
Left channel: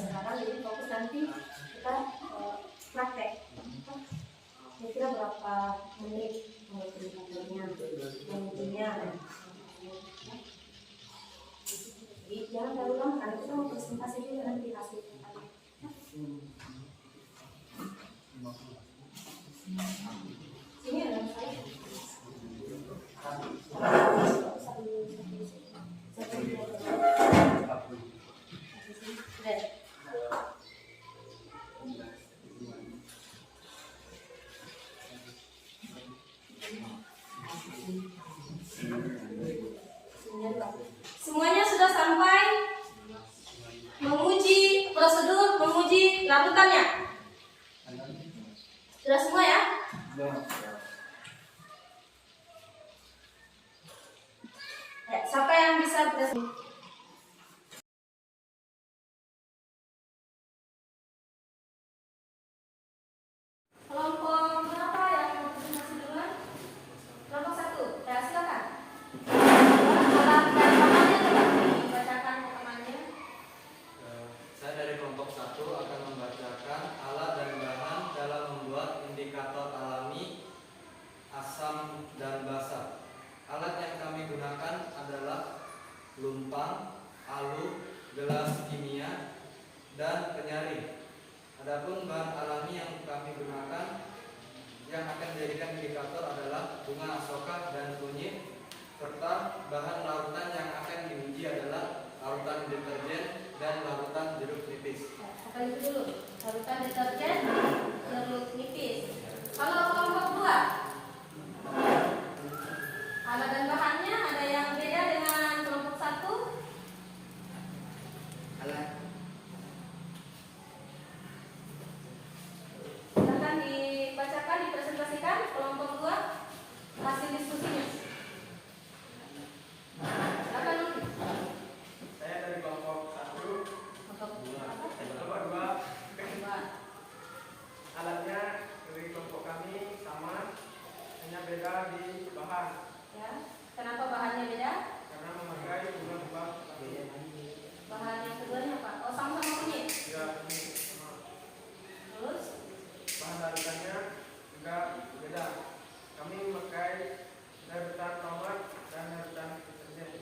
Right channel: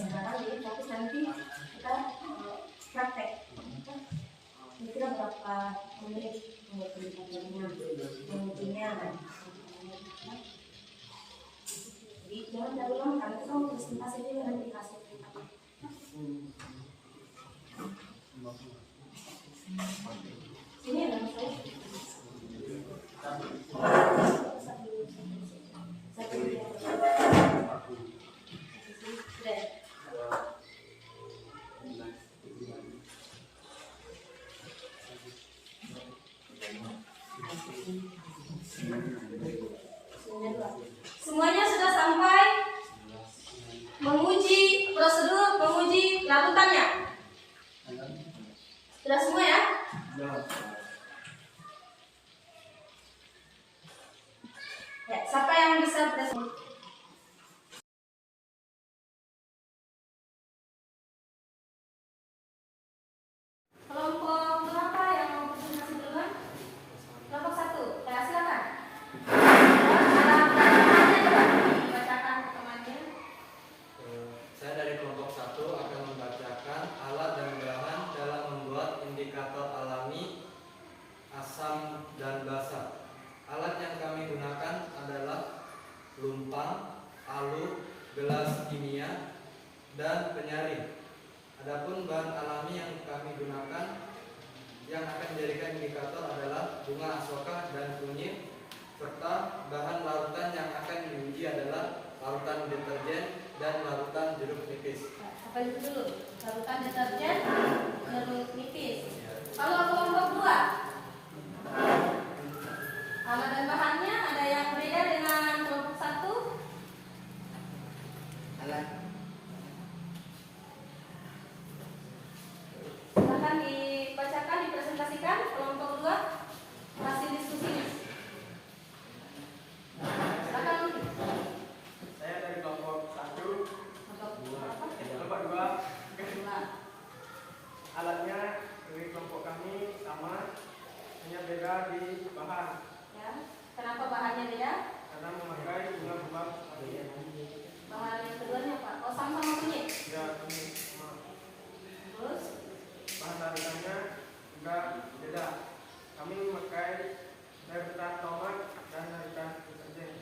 Sekarang jadi fokus nanti kita praktek. Kira-kira berapa menit mengutipnya. Jadi jangan terlalu lama karena kita mau presentasi dulu nanti hasilnya. Sini ada saya. Semuanya sudah sampai menguji prosedur menguji larutannya. Sudah semua ya? Ya, siapa yang bisa berdasarkan? Kelompok berapa yang mau presentasi duluan? Kelompok 1, ya silakan. Dibacakan ke temannya. Saya dari kelompok 1 akan membacakan alat dan bahan dalam membuat indikator alami asam dan basa. Alat yang kami gunakan adalah lumpang, alu, gelas kimia, dan penyaring. Adapun bahan alami yang kami gunakan yang akan dijadikan indikator adalah bunga asoka dan kunyit, serta bahan larutan yang akan diuji adalah larutan deterjen dan larutan jeruk nipis. Apa itu dulu? Larutan deterjen, jeruk nipis. Kalau kelompok 2, alat dan bahannya ada yang beda dengan kelompok 1? Alat. Silakan dibacakan, dipresentasikan kelompok 2 hasil diskusinya. Silakan dulu. Saya dari kelompok 1. Kelompok apa? Kelompok 2. Kedua. Alatnya dari kelompok kami sama, hanya beda di bahan. Ya. Kenapa bahannya beda? Karena memakai bunga-bunga seperti Bahan yang keduanya apa? Oh, sama-sama kunyit. ya, ini sama. Terus Bahan larutannya juga beda. Kami memakai larutan tomat dan larutan deterjen.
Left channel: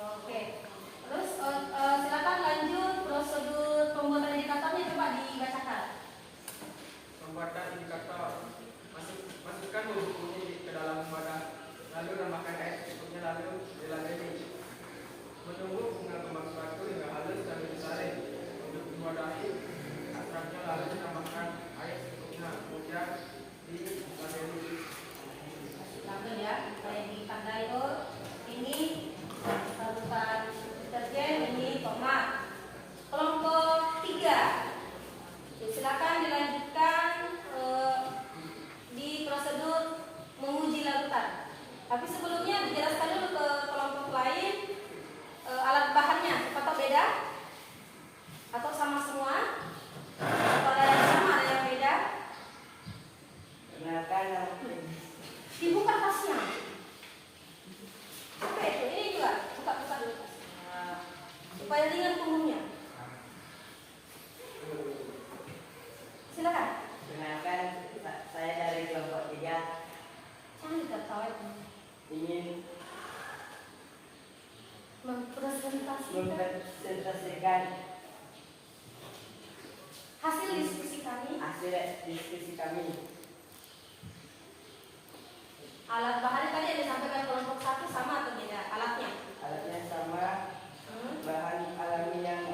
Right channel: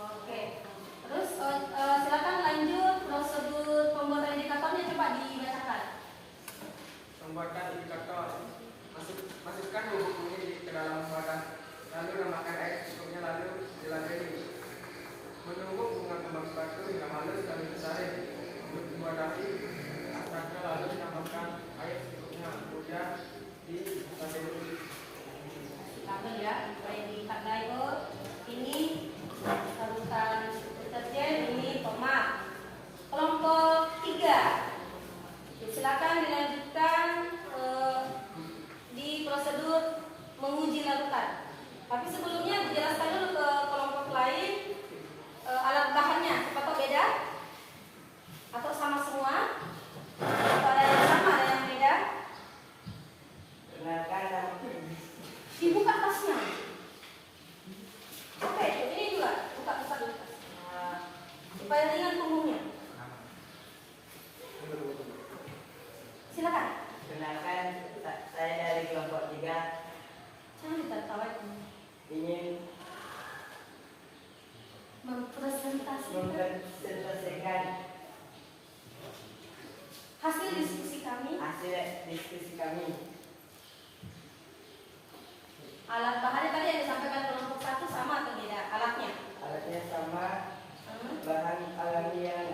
oke. Terus silakan lanjut prosedur pembuatan indikatornya coba dibacakan. Membuatkan indikator, masukkan bubuk kunyit ke dalam wadah, lalu tambahkan air secukupnya, lalu dilalui. Menunggu bunga kembang batu hingga halus dan disaring. Untuk diwadahi ekstraknya, lalu tambahkan air secukupnya, kemudian dilalui. Label ya, boleh ditandai. Oh, ini larutan deterjen, ini tomat. Kelompok 3. Silakan dilanjutkan di prosedur menguji larutan. Tapi sebelumnya dijelaskan dulu ke kelompok lain alat bahannya, apakah beda atau sama semua? Atau ada yang sama, ada yang beda? Dibuka tasnya. Oke, ini juga buka dulu tasnya supaya ringan punggungnya. Silakan. Kenalkan, saya dari kelompok 3 Jangan ditertawa itu. ingin Mempresentasikan mempresentasikan hasil diskusi kami. hasil diskusi kami. Alat bahannya tadi yang disampaikan kelompok 1 sama atau beda alatnya? Alatnya sama, bahan alami yang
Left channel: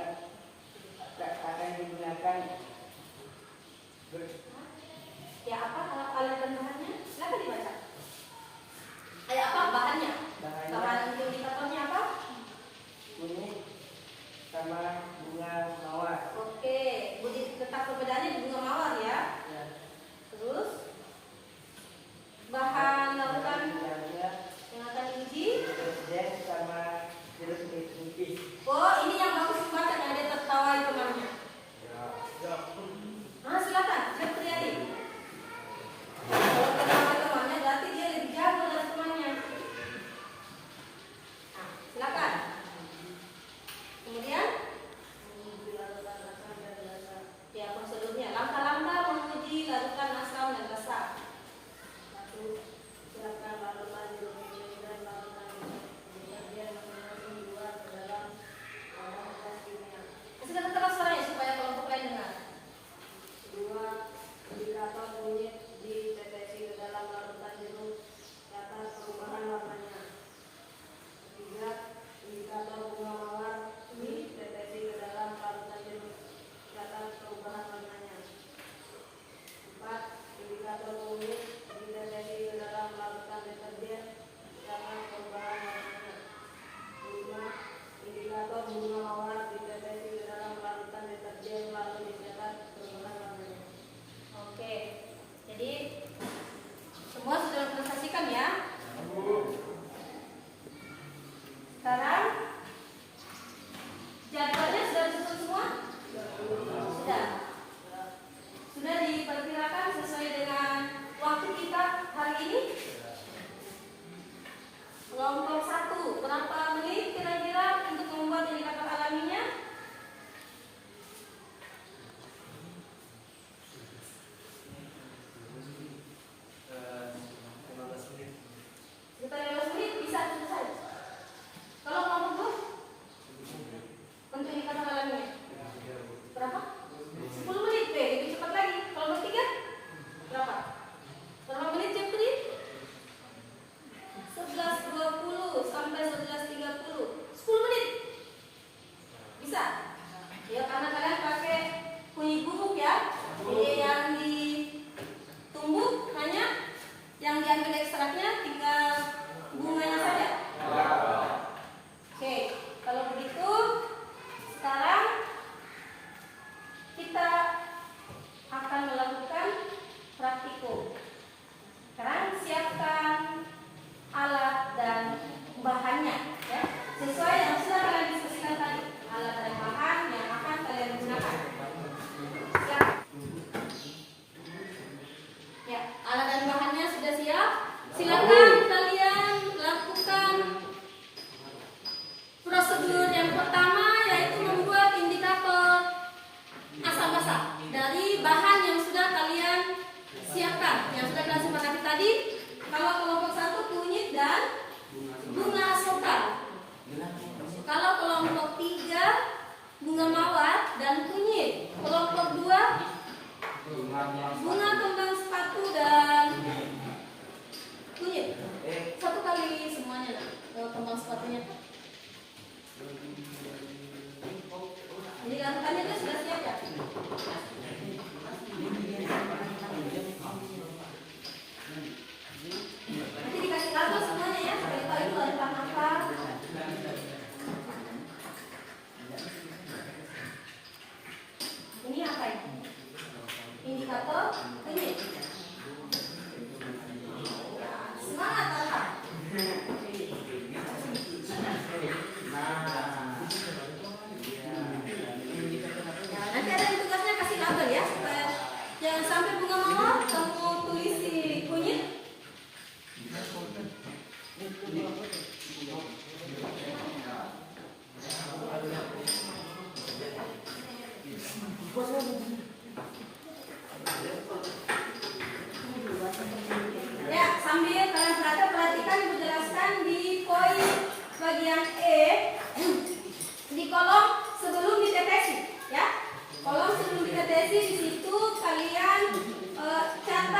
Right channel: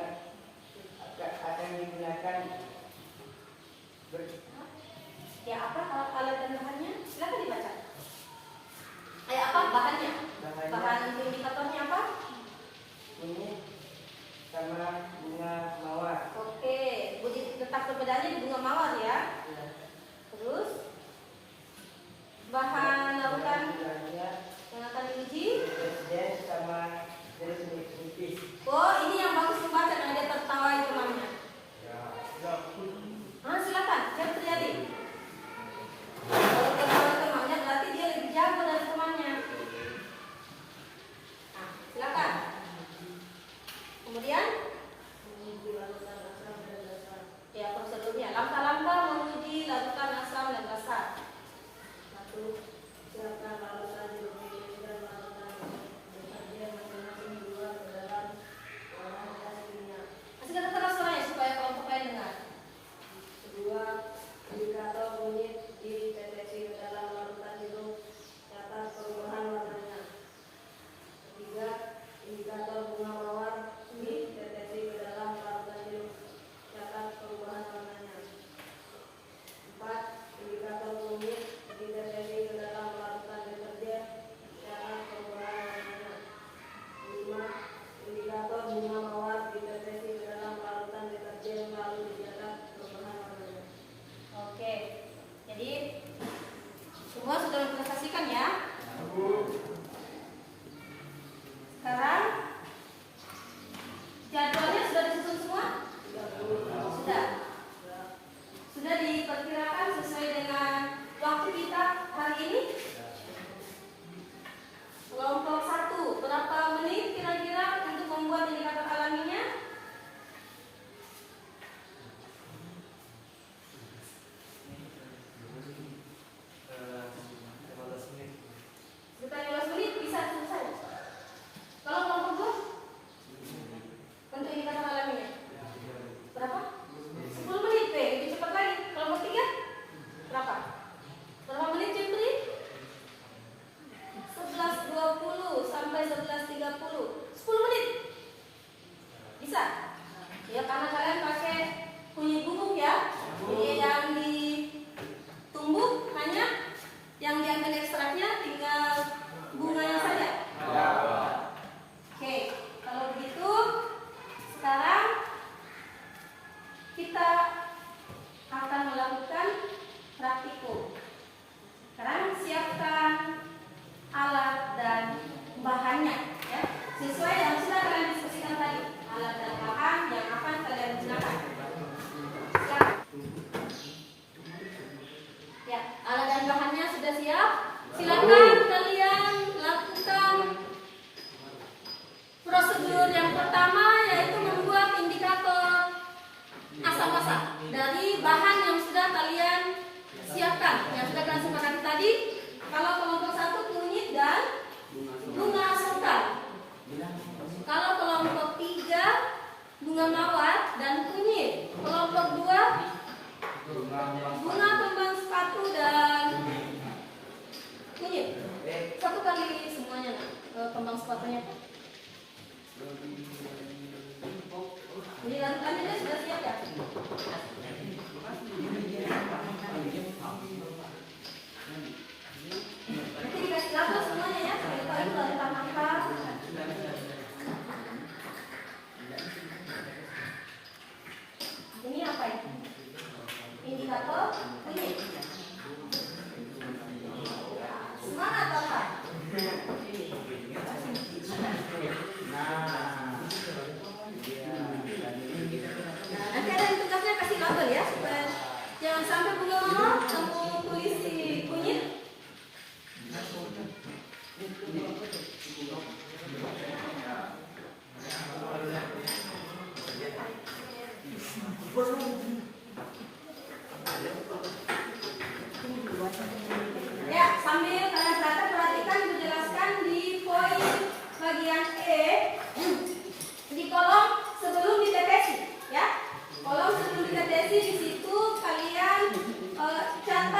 akan digunakan Ya apa alat dan bahannya? Silakan dibaca. Apa bahannya? bahannya Bahan indikatornya apa? kunyit sama bunga mawar. Oke, letak perbedaannya di bunga mawar ya. Ya. Terus bahan larutan Bahannya yang akan diuji deterjen mawar dan kunyit. Kelompok 2 bunga, kembang sepatu dan kunyit. Satu kali semuanya kembang sepatunya. Jadi larutannya itu sudah siap ya? Nanti dikasih label semuanya ya, supaya tahu itu larutan apa. Ini apa ini? Indikator kunyit. Semangat kakak. Nah, nanti ada di tugasnya kasih label ya, supaya jangan sampai bunga mawar kamu tulis di kunyit. Ya, sambil kalian perhatikan dijelaskan di poin bagian E di kolom sebelum diteteksi, ya. Kolom sebelum diteteksi di situ kalian catat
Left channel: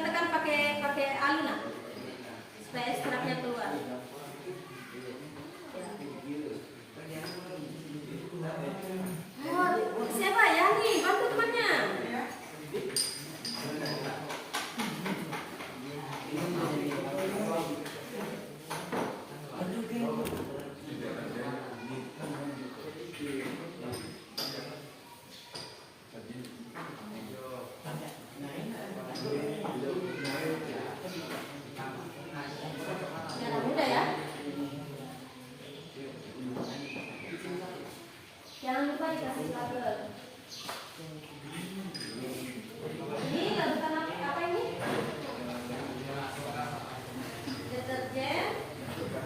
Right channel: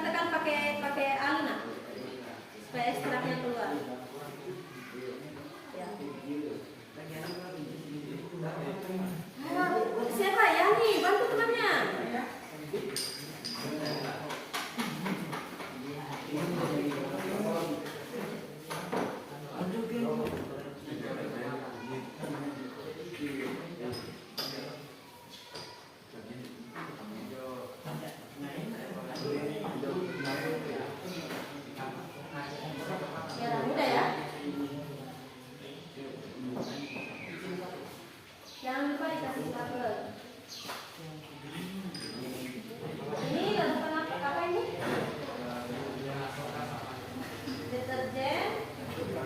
tekan pakai aluna supaya ekstraknya keluar. Ya. Siapa ya nih? Bantu temannya. Jangan mudah ya. Jangan lupa dikasih label. Ini larutan apa ini? Deterjen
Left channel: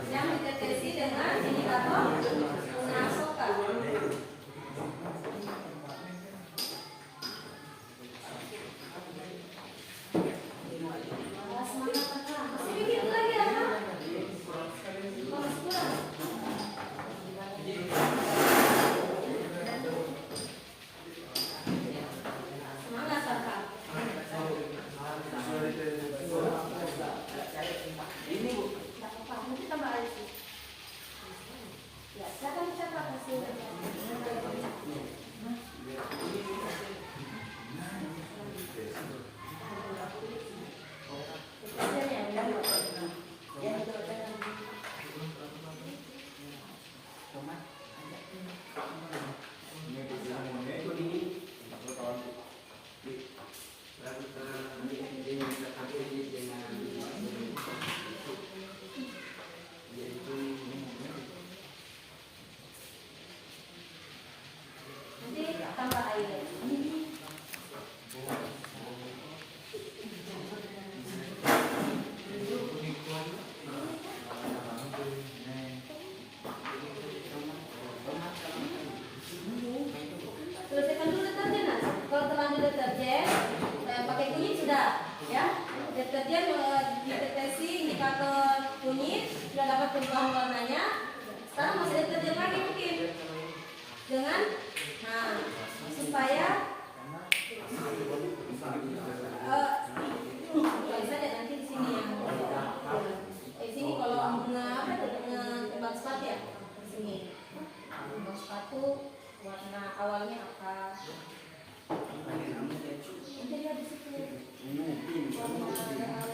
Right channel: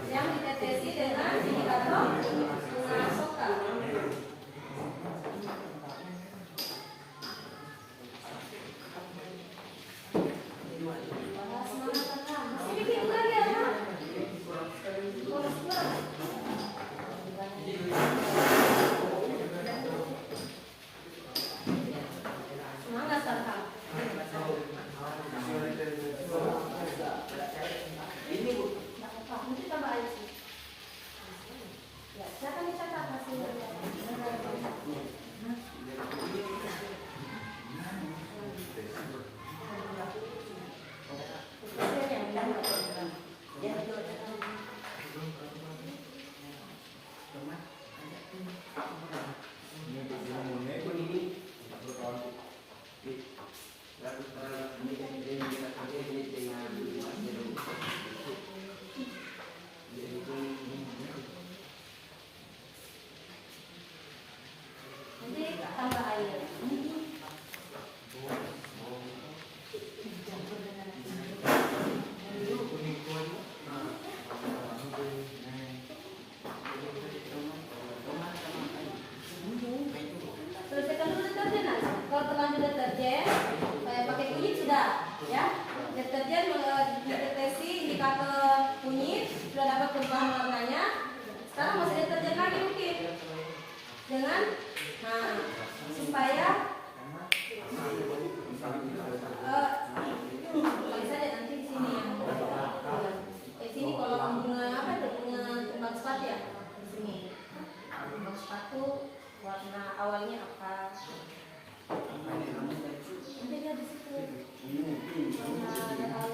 yang ditetesi dengan indikator bunga soka. Masih bikin lagi apa? Polos banget. Semangat Sarhan. Ini Bu. Nggak apa-apa, mungkin tambah air sih. Ya, silakan dicatat hasilnya. Nanti tambah air. Selesaikan dulu deterjen. Nah. Kalau terlanjur deterjen, pakai kunyit sudah, ya. Deterjen dideteksi indikator kunyit sudah dapat perubahan warnanya. Sekarang masih deterjen lagi mungkin dengan, nah, supaya kali saja nanti di sini ya. Di sini kalau bunga apa itu bunga kembang sepatu ya, di sini kembang sepatu warna awalnya apa? Nanti lihat di situ warna dan awal.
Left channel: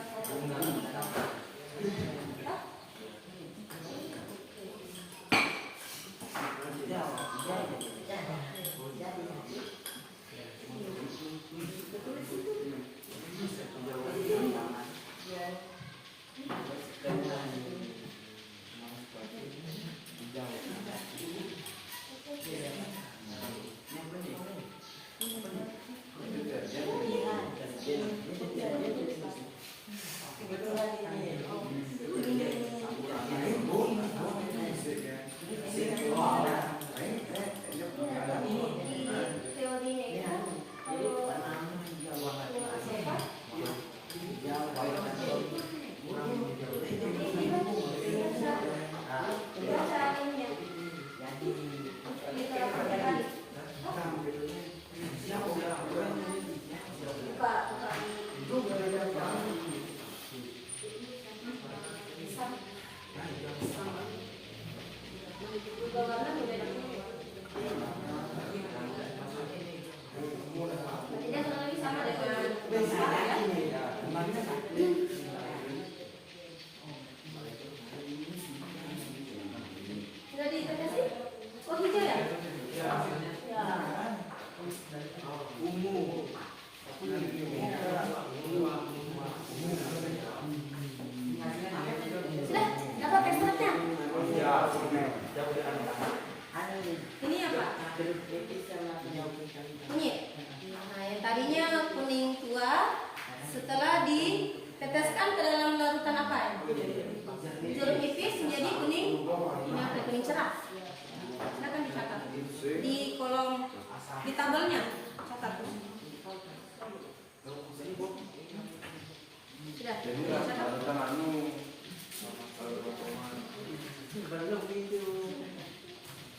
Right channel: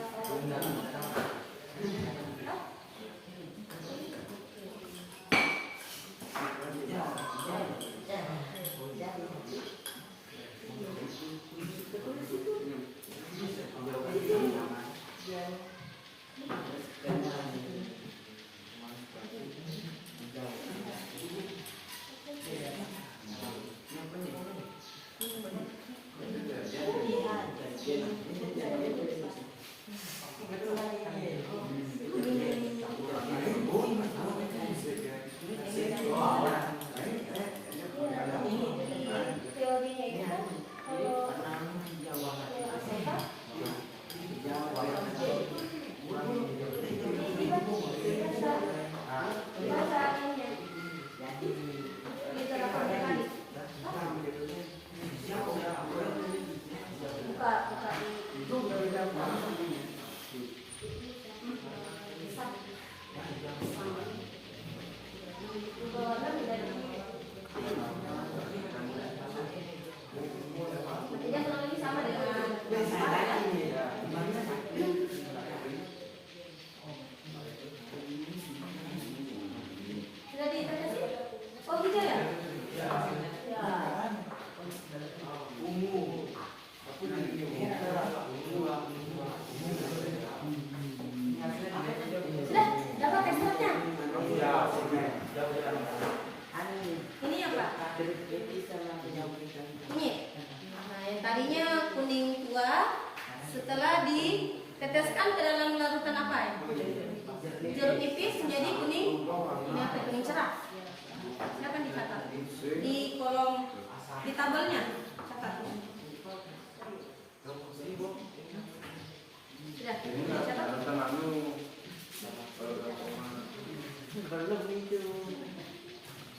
Teorinya itu kan kalau sudah diintervensi? Oh hijau ya? Ya. Sudah dapat ekstraknya? Ini apa? Kunyit. Nah, yang tadinya kuning tua, setelah diteteskan ke dalam larutan apa ya? Jeruk nipis menjadi kuning, ini apa? Kuning cerah. Silakan dicatat di kolom di tabelnya, catat. Sudah, dicatat.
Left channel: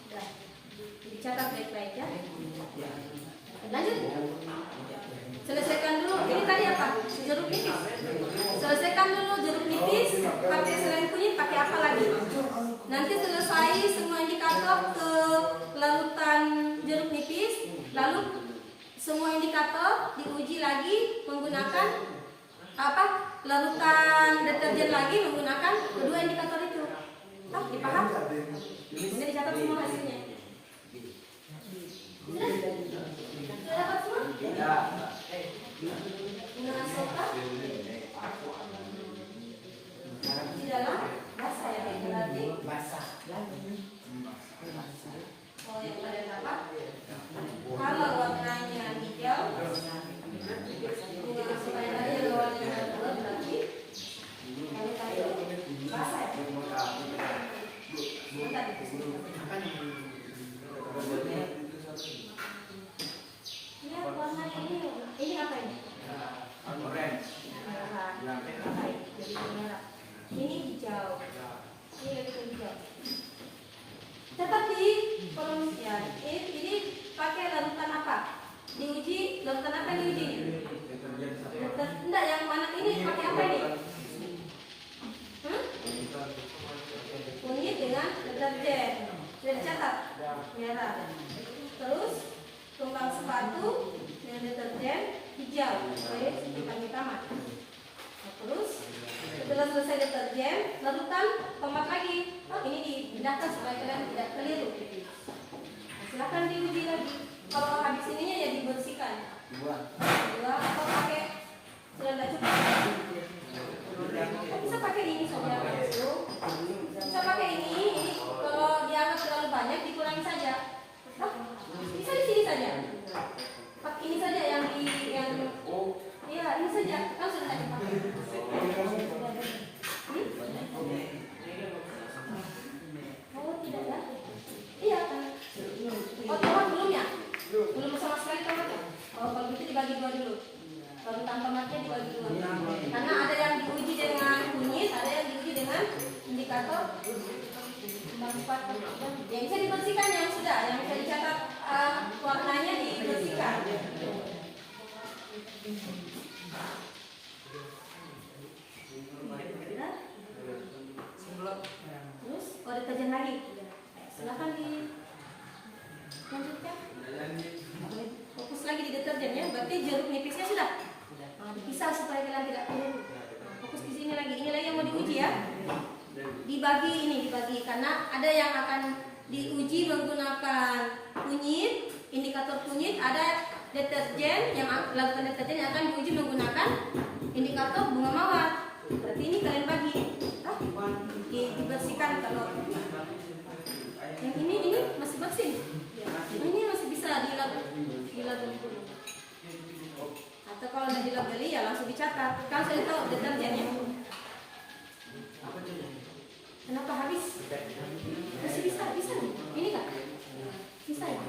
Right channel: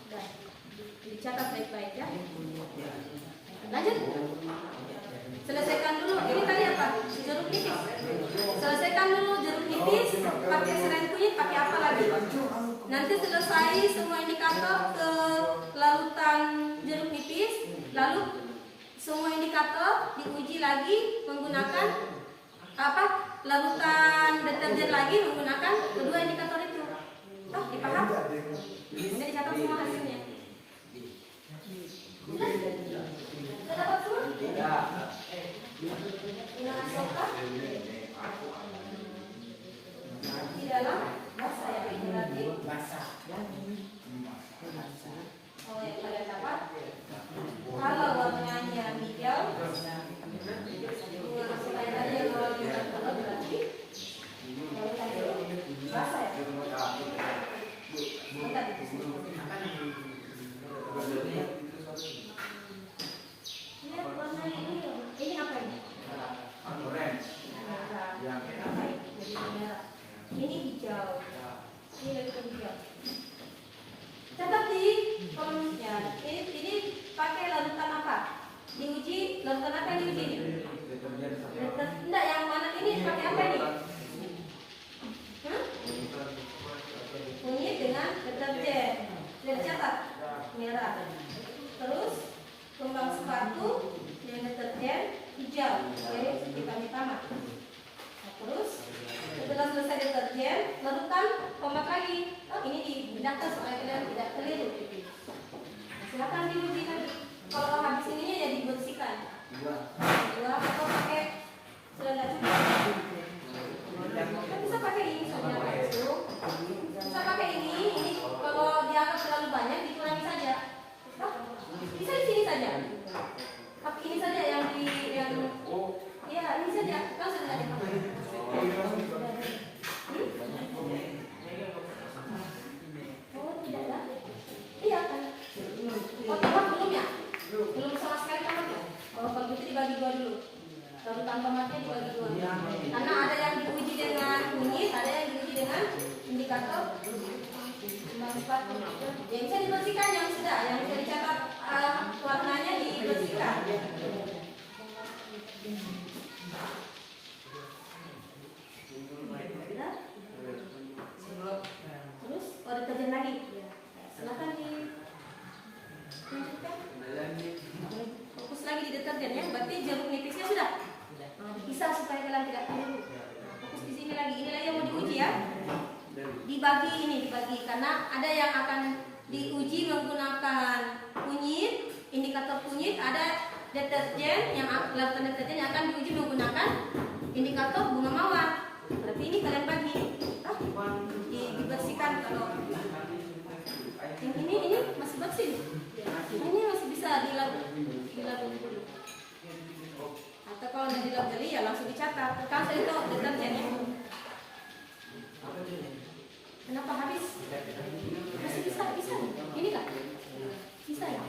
Sudah, dicatat baik-baik ya. Lanjut. Selesaikan dulu. Ini tadi apa? Jeruk nipis. cetam dulu jeruk nipis, pakai selain kunyit, pakai apa lagi? Nanti selesai semua indikator ke larutan jeruk nipis, lalu semua indikator diuji lagi menggunakan apa? Larutan deterjen lagi menggunakan kedua indikator itu. Ah, dipaham? Sudah dicatat semua hasilnya. Sudah? Sudah dapat semua? Gunakan soka di dalam basah ya, berarti oh yang kalian dapat kalau warnanya hijau dengan soka yang tadi yang warnanya hijau berarti kalian tadi basah ya. Bentar, lihat warnanya ini apa ini? Orange. Merah. Jadi merah. Ini hijau. Ini lebih ke hijau. Catat di kolom ya. Ini pakai larutan apa? Diuji larutan apa yang diuji? Enggak, yang mana ini pakai apa ini? Kunyit dengan deterjen. Sudah dicatat? Merah. Terus kembang sepatu dengan deterjen hijau. Oke, kita tamat. Nah, terus setelah selesai deterjen, larutan tomat lagi. Oh, ini dipindahkan supaya kalian tidak keliru. Nah, silakan diuji lagi. Kalau habis ininya ya dibersihkan. Dua atau pakai selada cukup. Bisa pakai ini saja langsung. Bisa pakai ini kalau dianggap terlalu banyak dikurangi saja. Bisa di sini saja. Pakai ini saja yang iya ini saja langsung saja pakai. Oh tidak ya? Iya kan? Oh tomat belum ya? Belum sama sekali tomatnya. Oh kalau gitu dibagi dua dulu. Larutan tomatnya dibagi dua. Karena ada yang diuji dengan kunyit, ada yang diuji dengan indikator kembang sepatu. Yang bisa dibersihkan yang sudah, yang bisa dicatat warnanya dibersihkan. Terus oh deterjen lagi. Silakan dilanjutkan. Fokus lagi di deterjen ya. Berarti jeruk nipisnya sudah. Nah, dipisah supaya kalian tidak keliru. Nah, fokus di sini lagi. Ini lagi yang mau diuji ya. Dibagi karena ada yang akan diuji menggunakan kunyit, indikator kunyit, ada deterjen yang larutan deterjen yang akan diuji menggunakan indikator bunga mawar. Berarti ini kalian bagi. Dibersihkan kalau yang ini masih bersih. Nah, ini masih bisa dilabeli dulu. Atau kalau udah dilabeli ya langsung dicatat. Kan saya tahu deterjennya. Kenapa habis? Masih bisa. Ini kan? Bisa ya?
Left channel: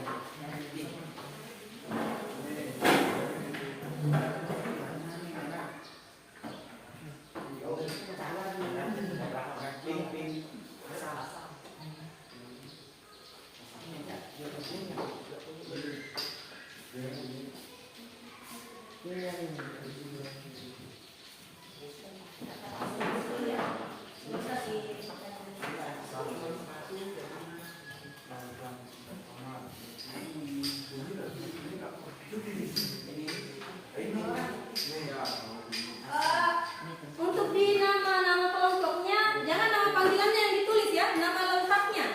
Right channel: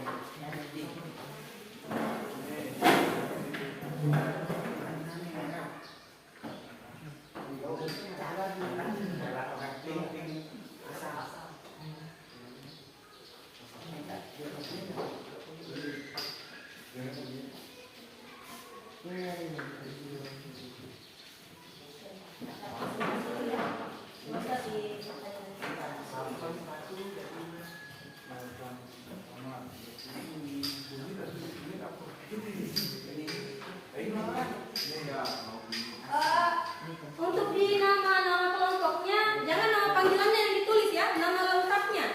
Untuk di nama kelompoknya jangan nama panggilannya yang ditulis ya, nama lengkapnya.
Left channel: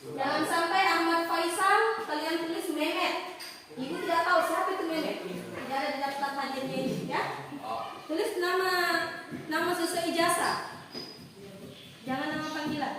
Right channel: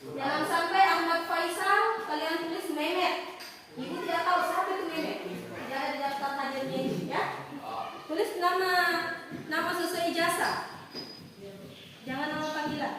Jangan sampai Ahmad Faisal kalian tulis Mehmet. Ibu tidak tahu siapa itu Mehmet. Dia ada di daftar hadirnya ini ya. Tulis nama sesuai ijazah. Jangan nama panggilan.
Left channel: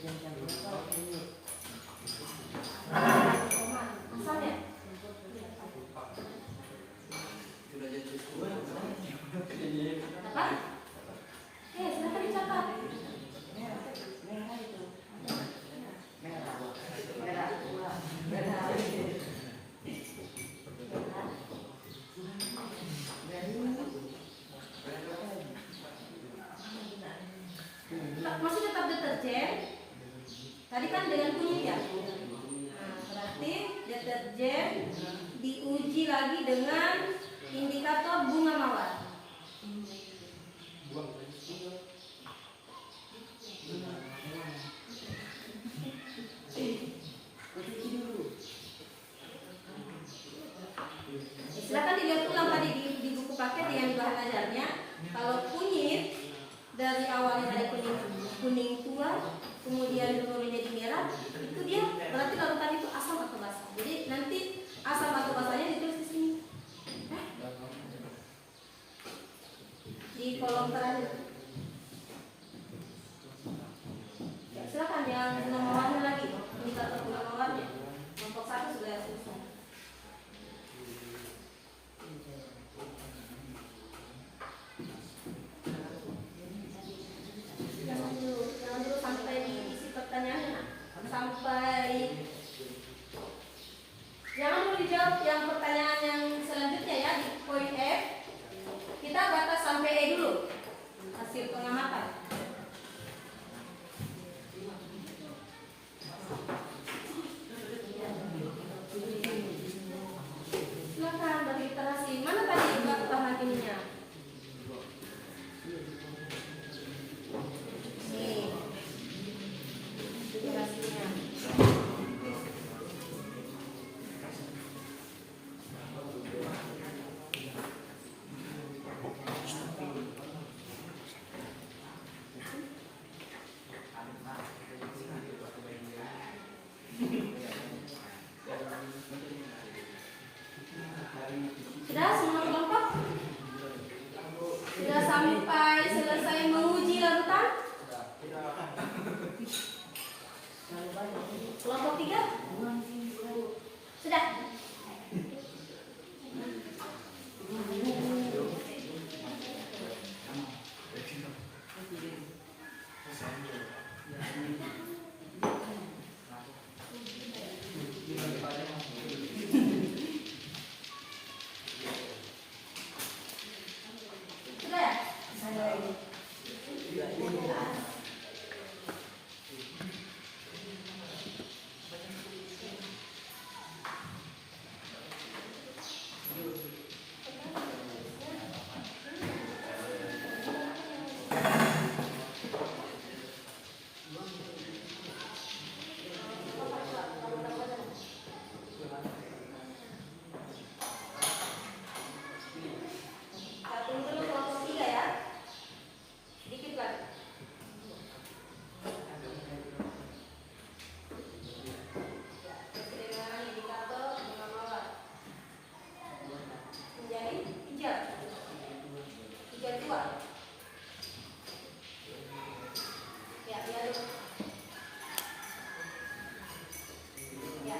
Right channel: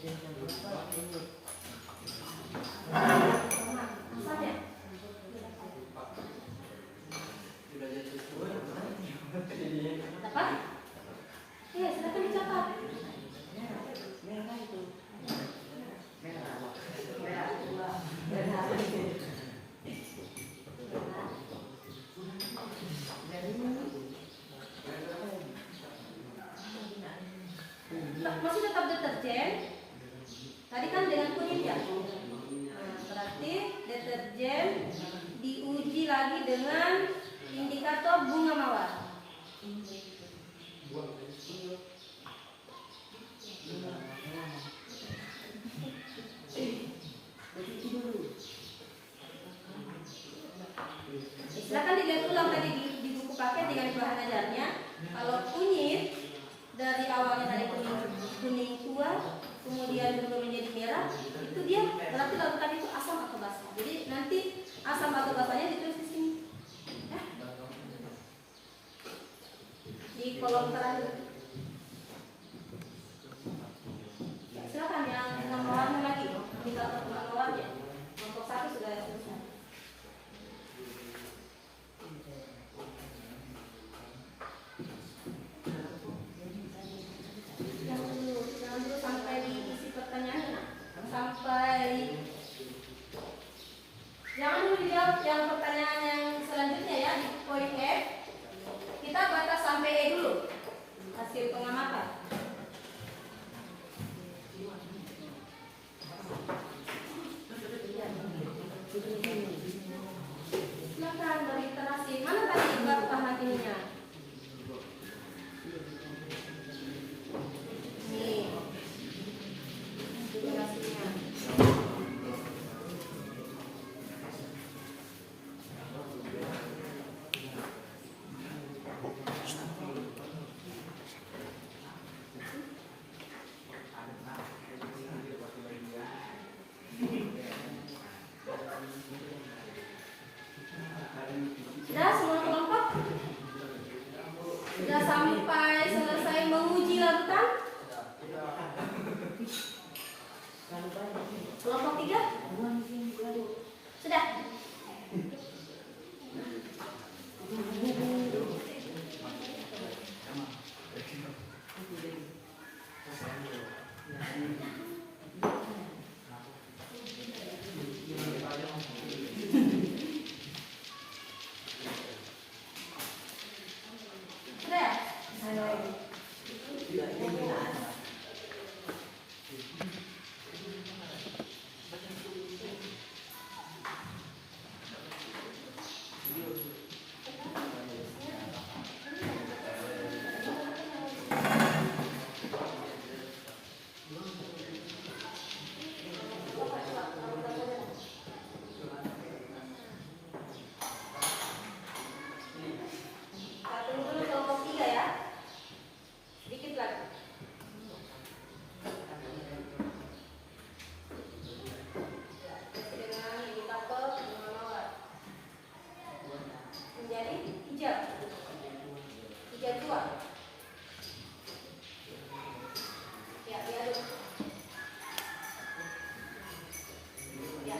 Asam ya? Sudah jadi sesuai. Apa? Ya, silakan dicatat. Merah itu. Merah. Merah. Merah. Masih tetap deterjen. Tadi kan dengan kunyit ya. Nah, berarti deterjen diuji lagi dengan indikator bunga mawar. Silakan dilihat ulang tadi di buku paket dengan bahan ajarnya. Kalau kunyit dari awalnya dari kuning tua, kemudian berubah menjadi merah, itu dia berarti larutan itu asam atau basa. Jadi nanti asam atau basanya ditulis di sini. Hah? Di kolom terakhir. Ya, silakan dengan bunga mawarnya lagi. Indikator bunga mawarnya. Kelompok 1 sudah selesai. Jangan dulu sampai diisi pertanyaannya. Sampai jangan dulu dijawab yang pertanyaan yang selanjutnya ya di poin F. Kita batas sampai E dulu. Hasil pengamatan. Silakan dari literasi. Mana tadi bahan ininya? Nih. Literasinya. Sudah semua kelompok? Sudah sampai selesai menguji larutan? Kelompok 3? Sudah? Sudah? Satu dulu kelompok 3 ya. Sedikit lagi. Dengan indikator bunga mawar menjadi hijau. Hijau tua. Ya, diaduk. Ya,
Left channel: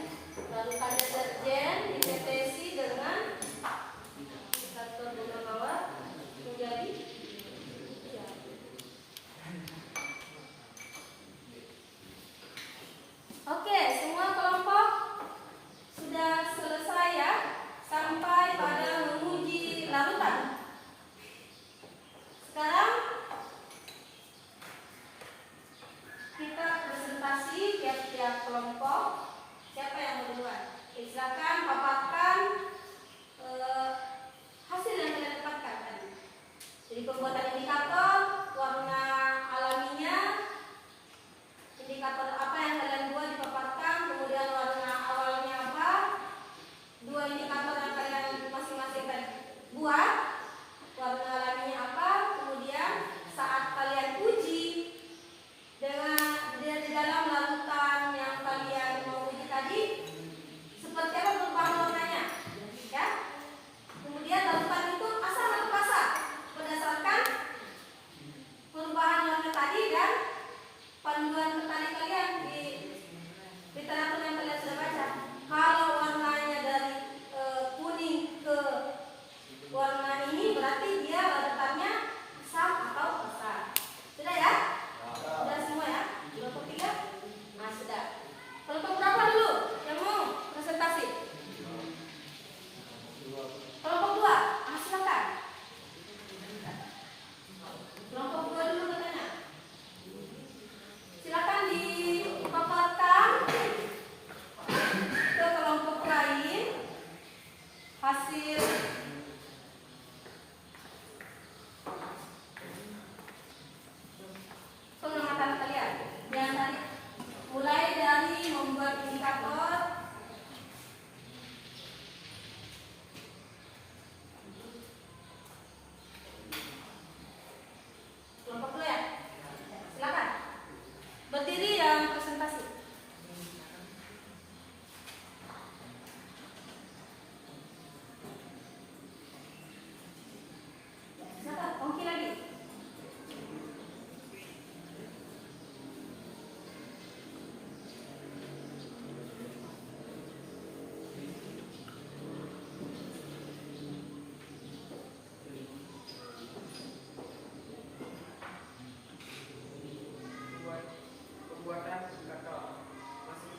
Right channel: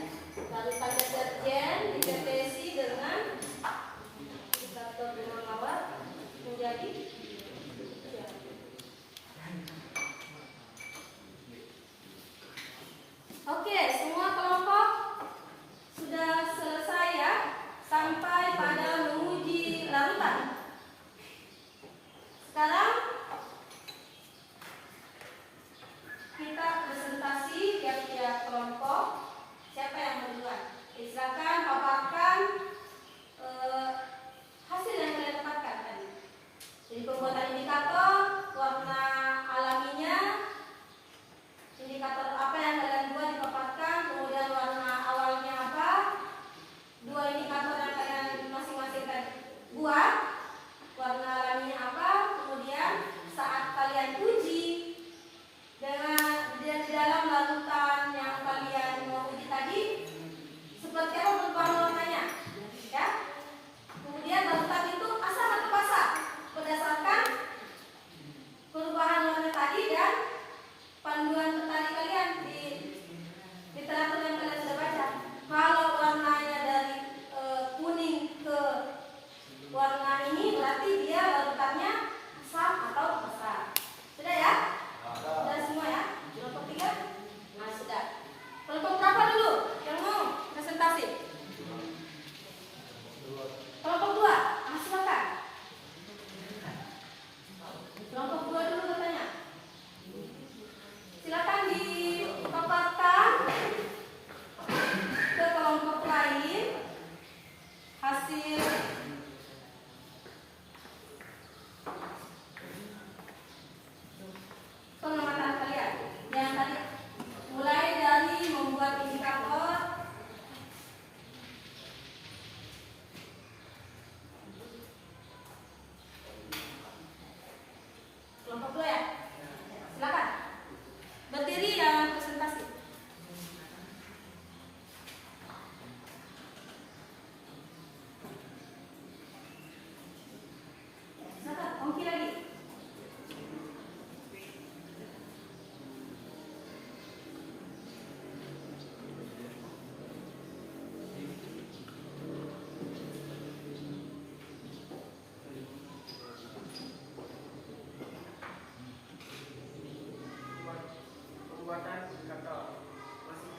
lalu pada deterjen ditetesi dengan indikator bunga mawar menjadi hijau. Oke, semua kelompok sudah selesai ya, sampai pada menguji larutan. Sekarang kita presentasi tiap-tiap kelompok. Siapa yang berduluan? Silakan paparkan hasil yang kalian dapatkan tadi. Jadi pembuatan indikator, warna alaminya, indikator apa yang kalian buat dipaparkan.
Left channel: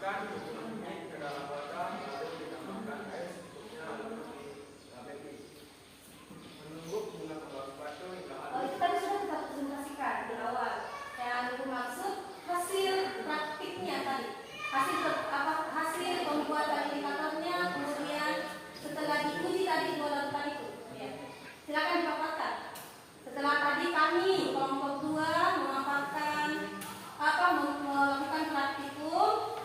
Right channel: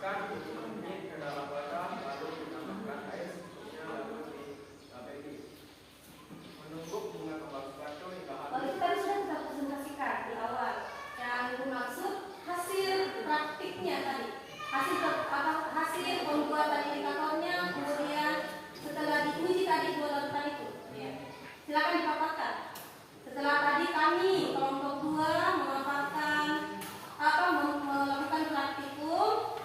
Masukkan ini ke dalam wadah, lalu ditambahkan air secukupnya, lalu dilabeli. Menunggu bunga kembang sepatu hingga Oh, habis. itu tadi sudah kita presentasikan di awal. Yang itu maksud hasil praktiknya tadi. Hasil pembuatan indikatornya, kemudian setelah diuji tadi dua lakukan itu. Ya. Silakan dipaparkan. Setelah tadi kami kelompok 2 melakukan praktikum,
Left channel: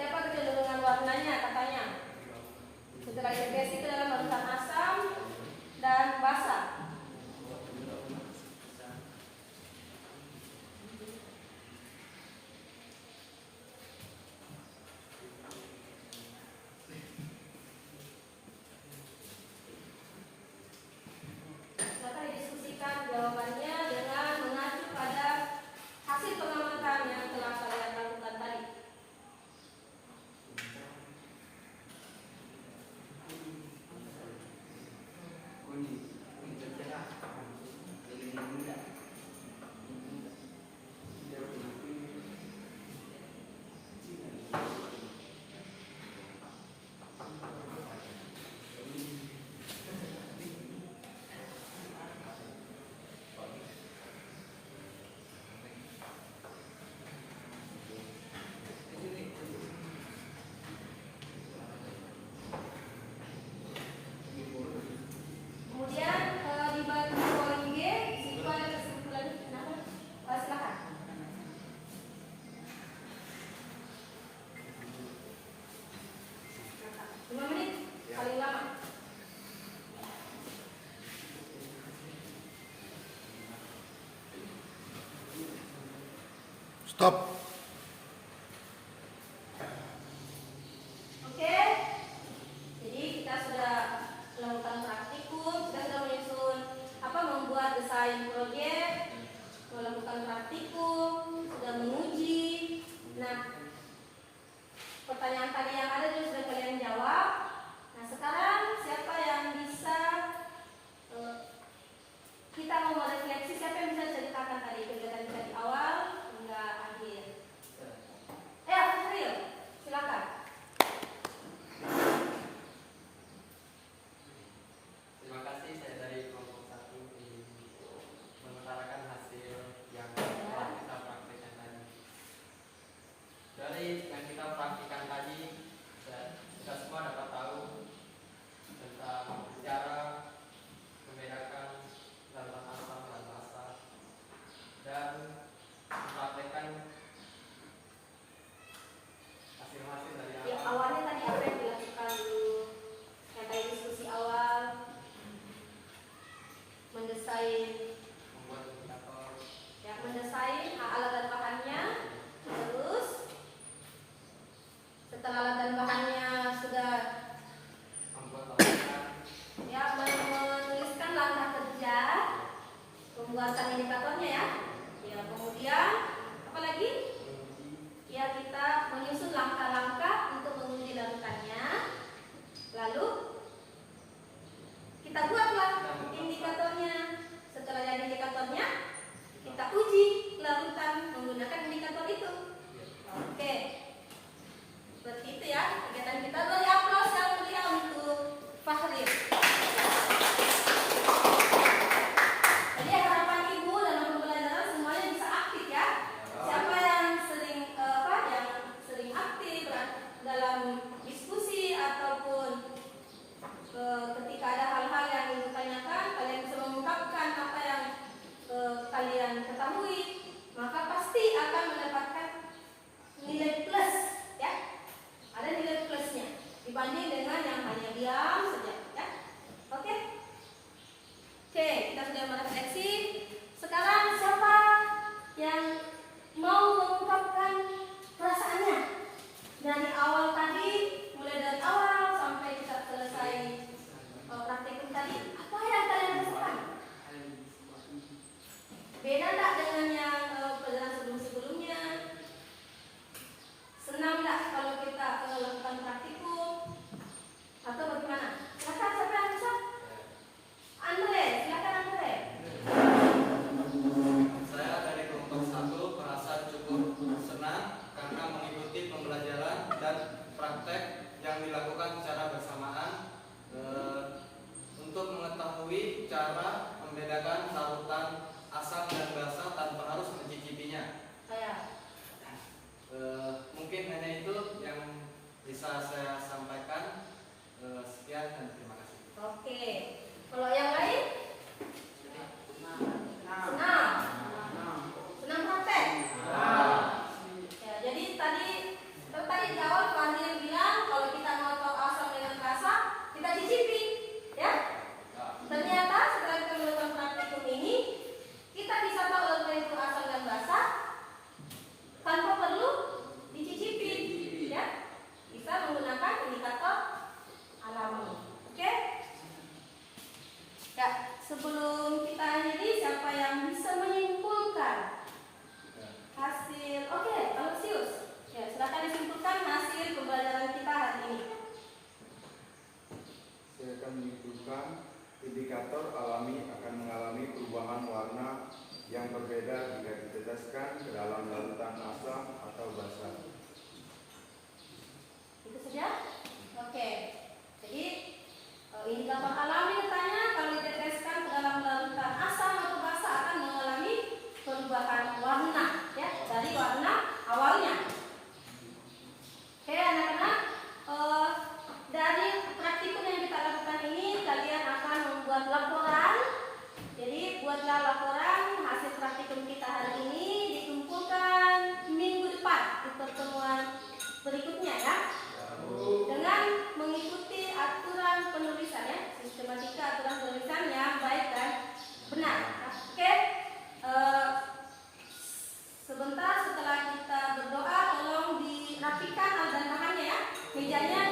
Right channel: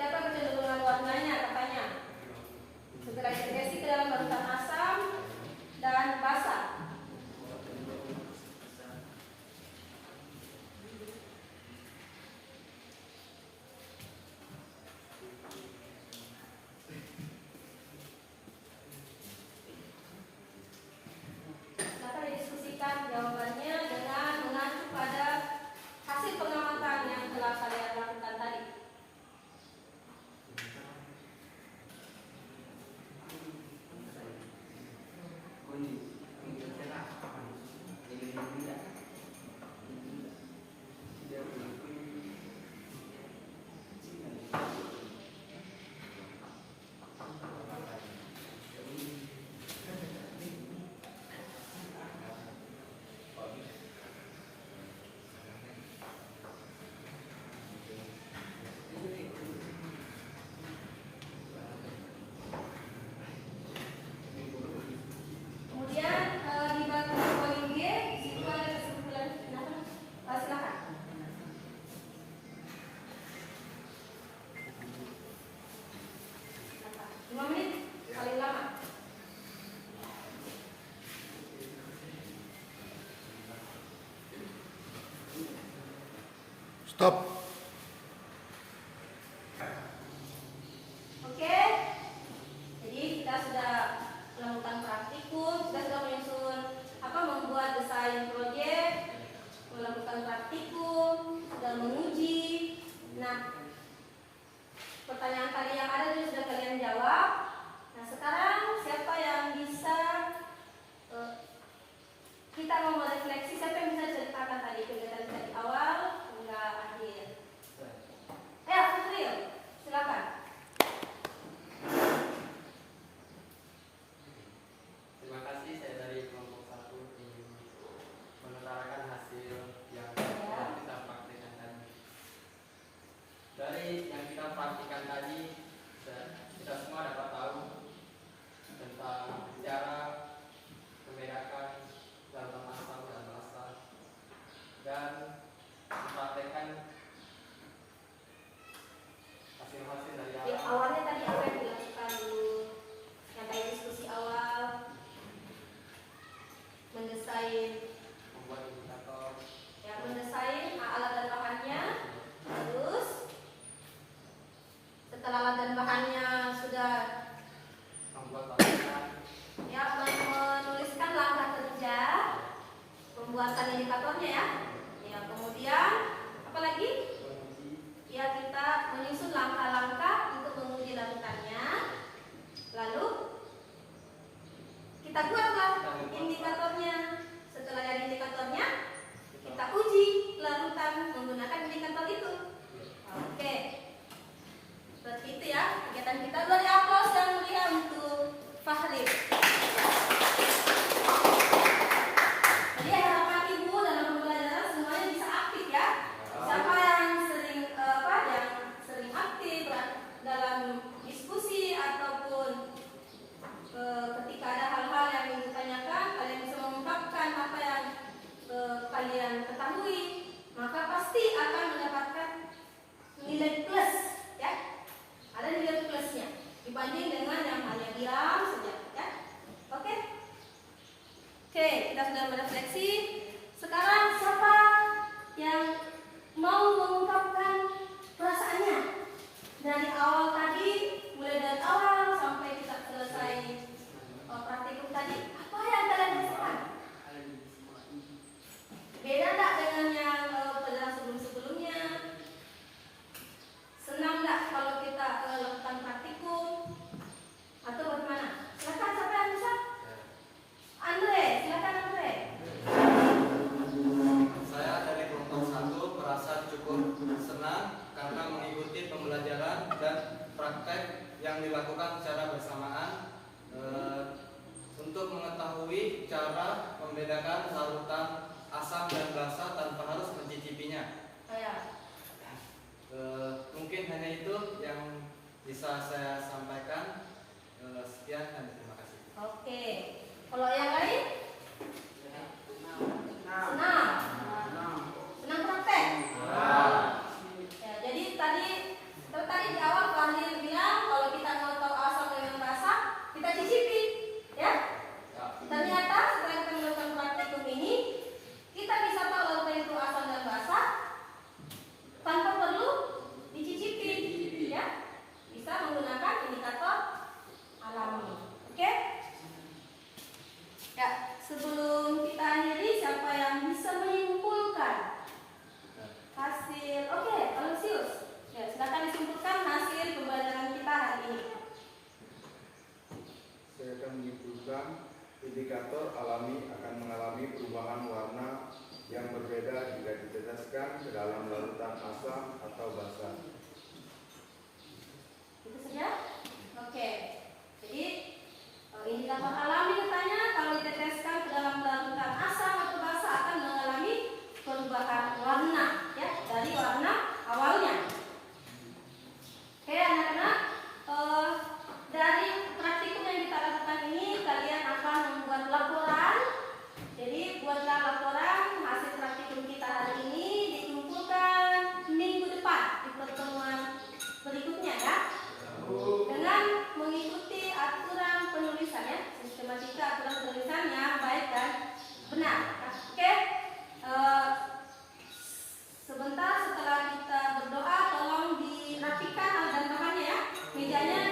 seperti apa kecenderungan warnanya katanya. Setelah integrasi ke dalam larutan asam dan basa. Silakan didiskusikan jawabannya dengan mengacu pada hasil pengamatan yang telah kalian lakukan tadi. Kemudian di bagian poin G itu ada kesimpulan. Silakan. Silakan. 5 menit paling lama. Stop. Oke. Jadi kita sudah melakukan praktikum, kita sudah menyusun membuat desain proyek, melakukan praktikum, sudah menguji. Nah, pertanyaan tadi yang ada itu sudah kalian jawab. Nah, sekarang siapa yang bisa kita mau merefleksi, siapa yang bisa ceritakan tadi kegiatan kita di awal hingga akhir? April, silakan. Terima kasih, saya dari kelompok 1 ingin mengutarakan hasil yang telah kita praktikkan tadi. Dari yang kita praktikkan tadi, kita semua dapat tahu tentang cara membedakan larutan asam dan basa, dan mempraktekkan hasil-hasil dari Ya, awalnya tadi apa yang dilakukan dulu? Yang tadi diskusi awal, mendesain, membuat indikator, ya mendesain alat dan bahannya. Terus setelah alat dan bahannya sudah membuat laporan, ya menuliskan langkah kerja, pembuatan indikatornya ya. Ya, kemudian apa lagi? Ya, kita menyusun langkah-langkah untuk menguji larutannya. Lalu kita buatlah indikatornya. Setelah ada indikatornya, kita uji larutan menggunakan indikator itu. Oke, seperti itu ya kegiatan kita. Beri aplaus yang meriah untuk Fahri. Jadi harapan ibu dalam pembelajaran semuanya bisa aktif ya. Siapa yang sering yang sering aktif dalam diskusi ataupun ketika ada hal-hal yang ingin ditanyakan, kalian bisa mengungkapkan apa yang kalian ketahui, maka pasti akan mendapatkan nilai plus ya. Ada nilai plusnya dibanding dengan yang hanya diam saja ya. Oke, kita sudah merefleksi. Sekarang siapa yang mau mengungkapkan perasaannya dari awal tadi, mulai dari awal sampai kita selesai praktikum tadi? Apa yang kalian rasakan? Beda tak dengan yang pelajaran sebelum-sebelumnya? Senang tak kalau kita lakukan praktikum? Atau bagaimana? Silakan, siapa yang bisa? Andre, silakan Andre. Saya dari kelompok 1 merasa cukup senang karena mengikuti pembelajaran dan praktek yang dilakukan secara bersamaan untuk mengetahui cara membedakan larutan asam dan basa tanpa harus mencicipinya. Mungkin hanya itu yang bisa saya sampaikan. Sekian dan terima kasih. Oke, kalau yang lain? Senang praktek? Ya, jadi tadi di awal Biasanya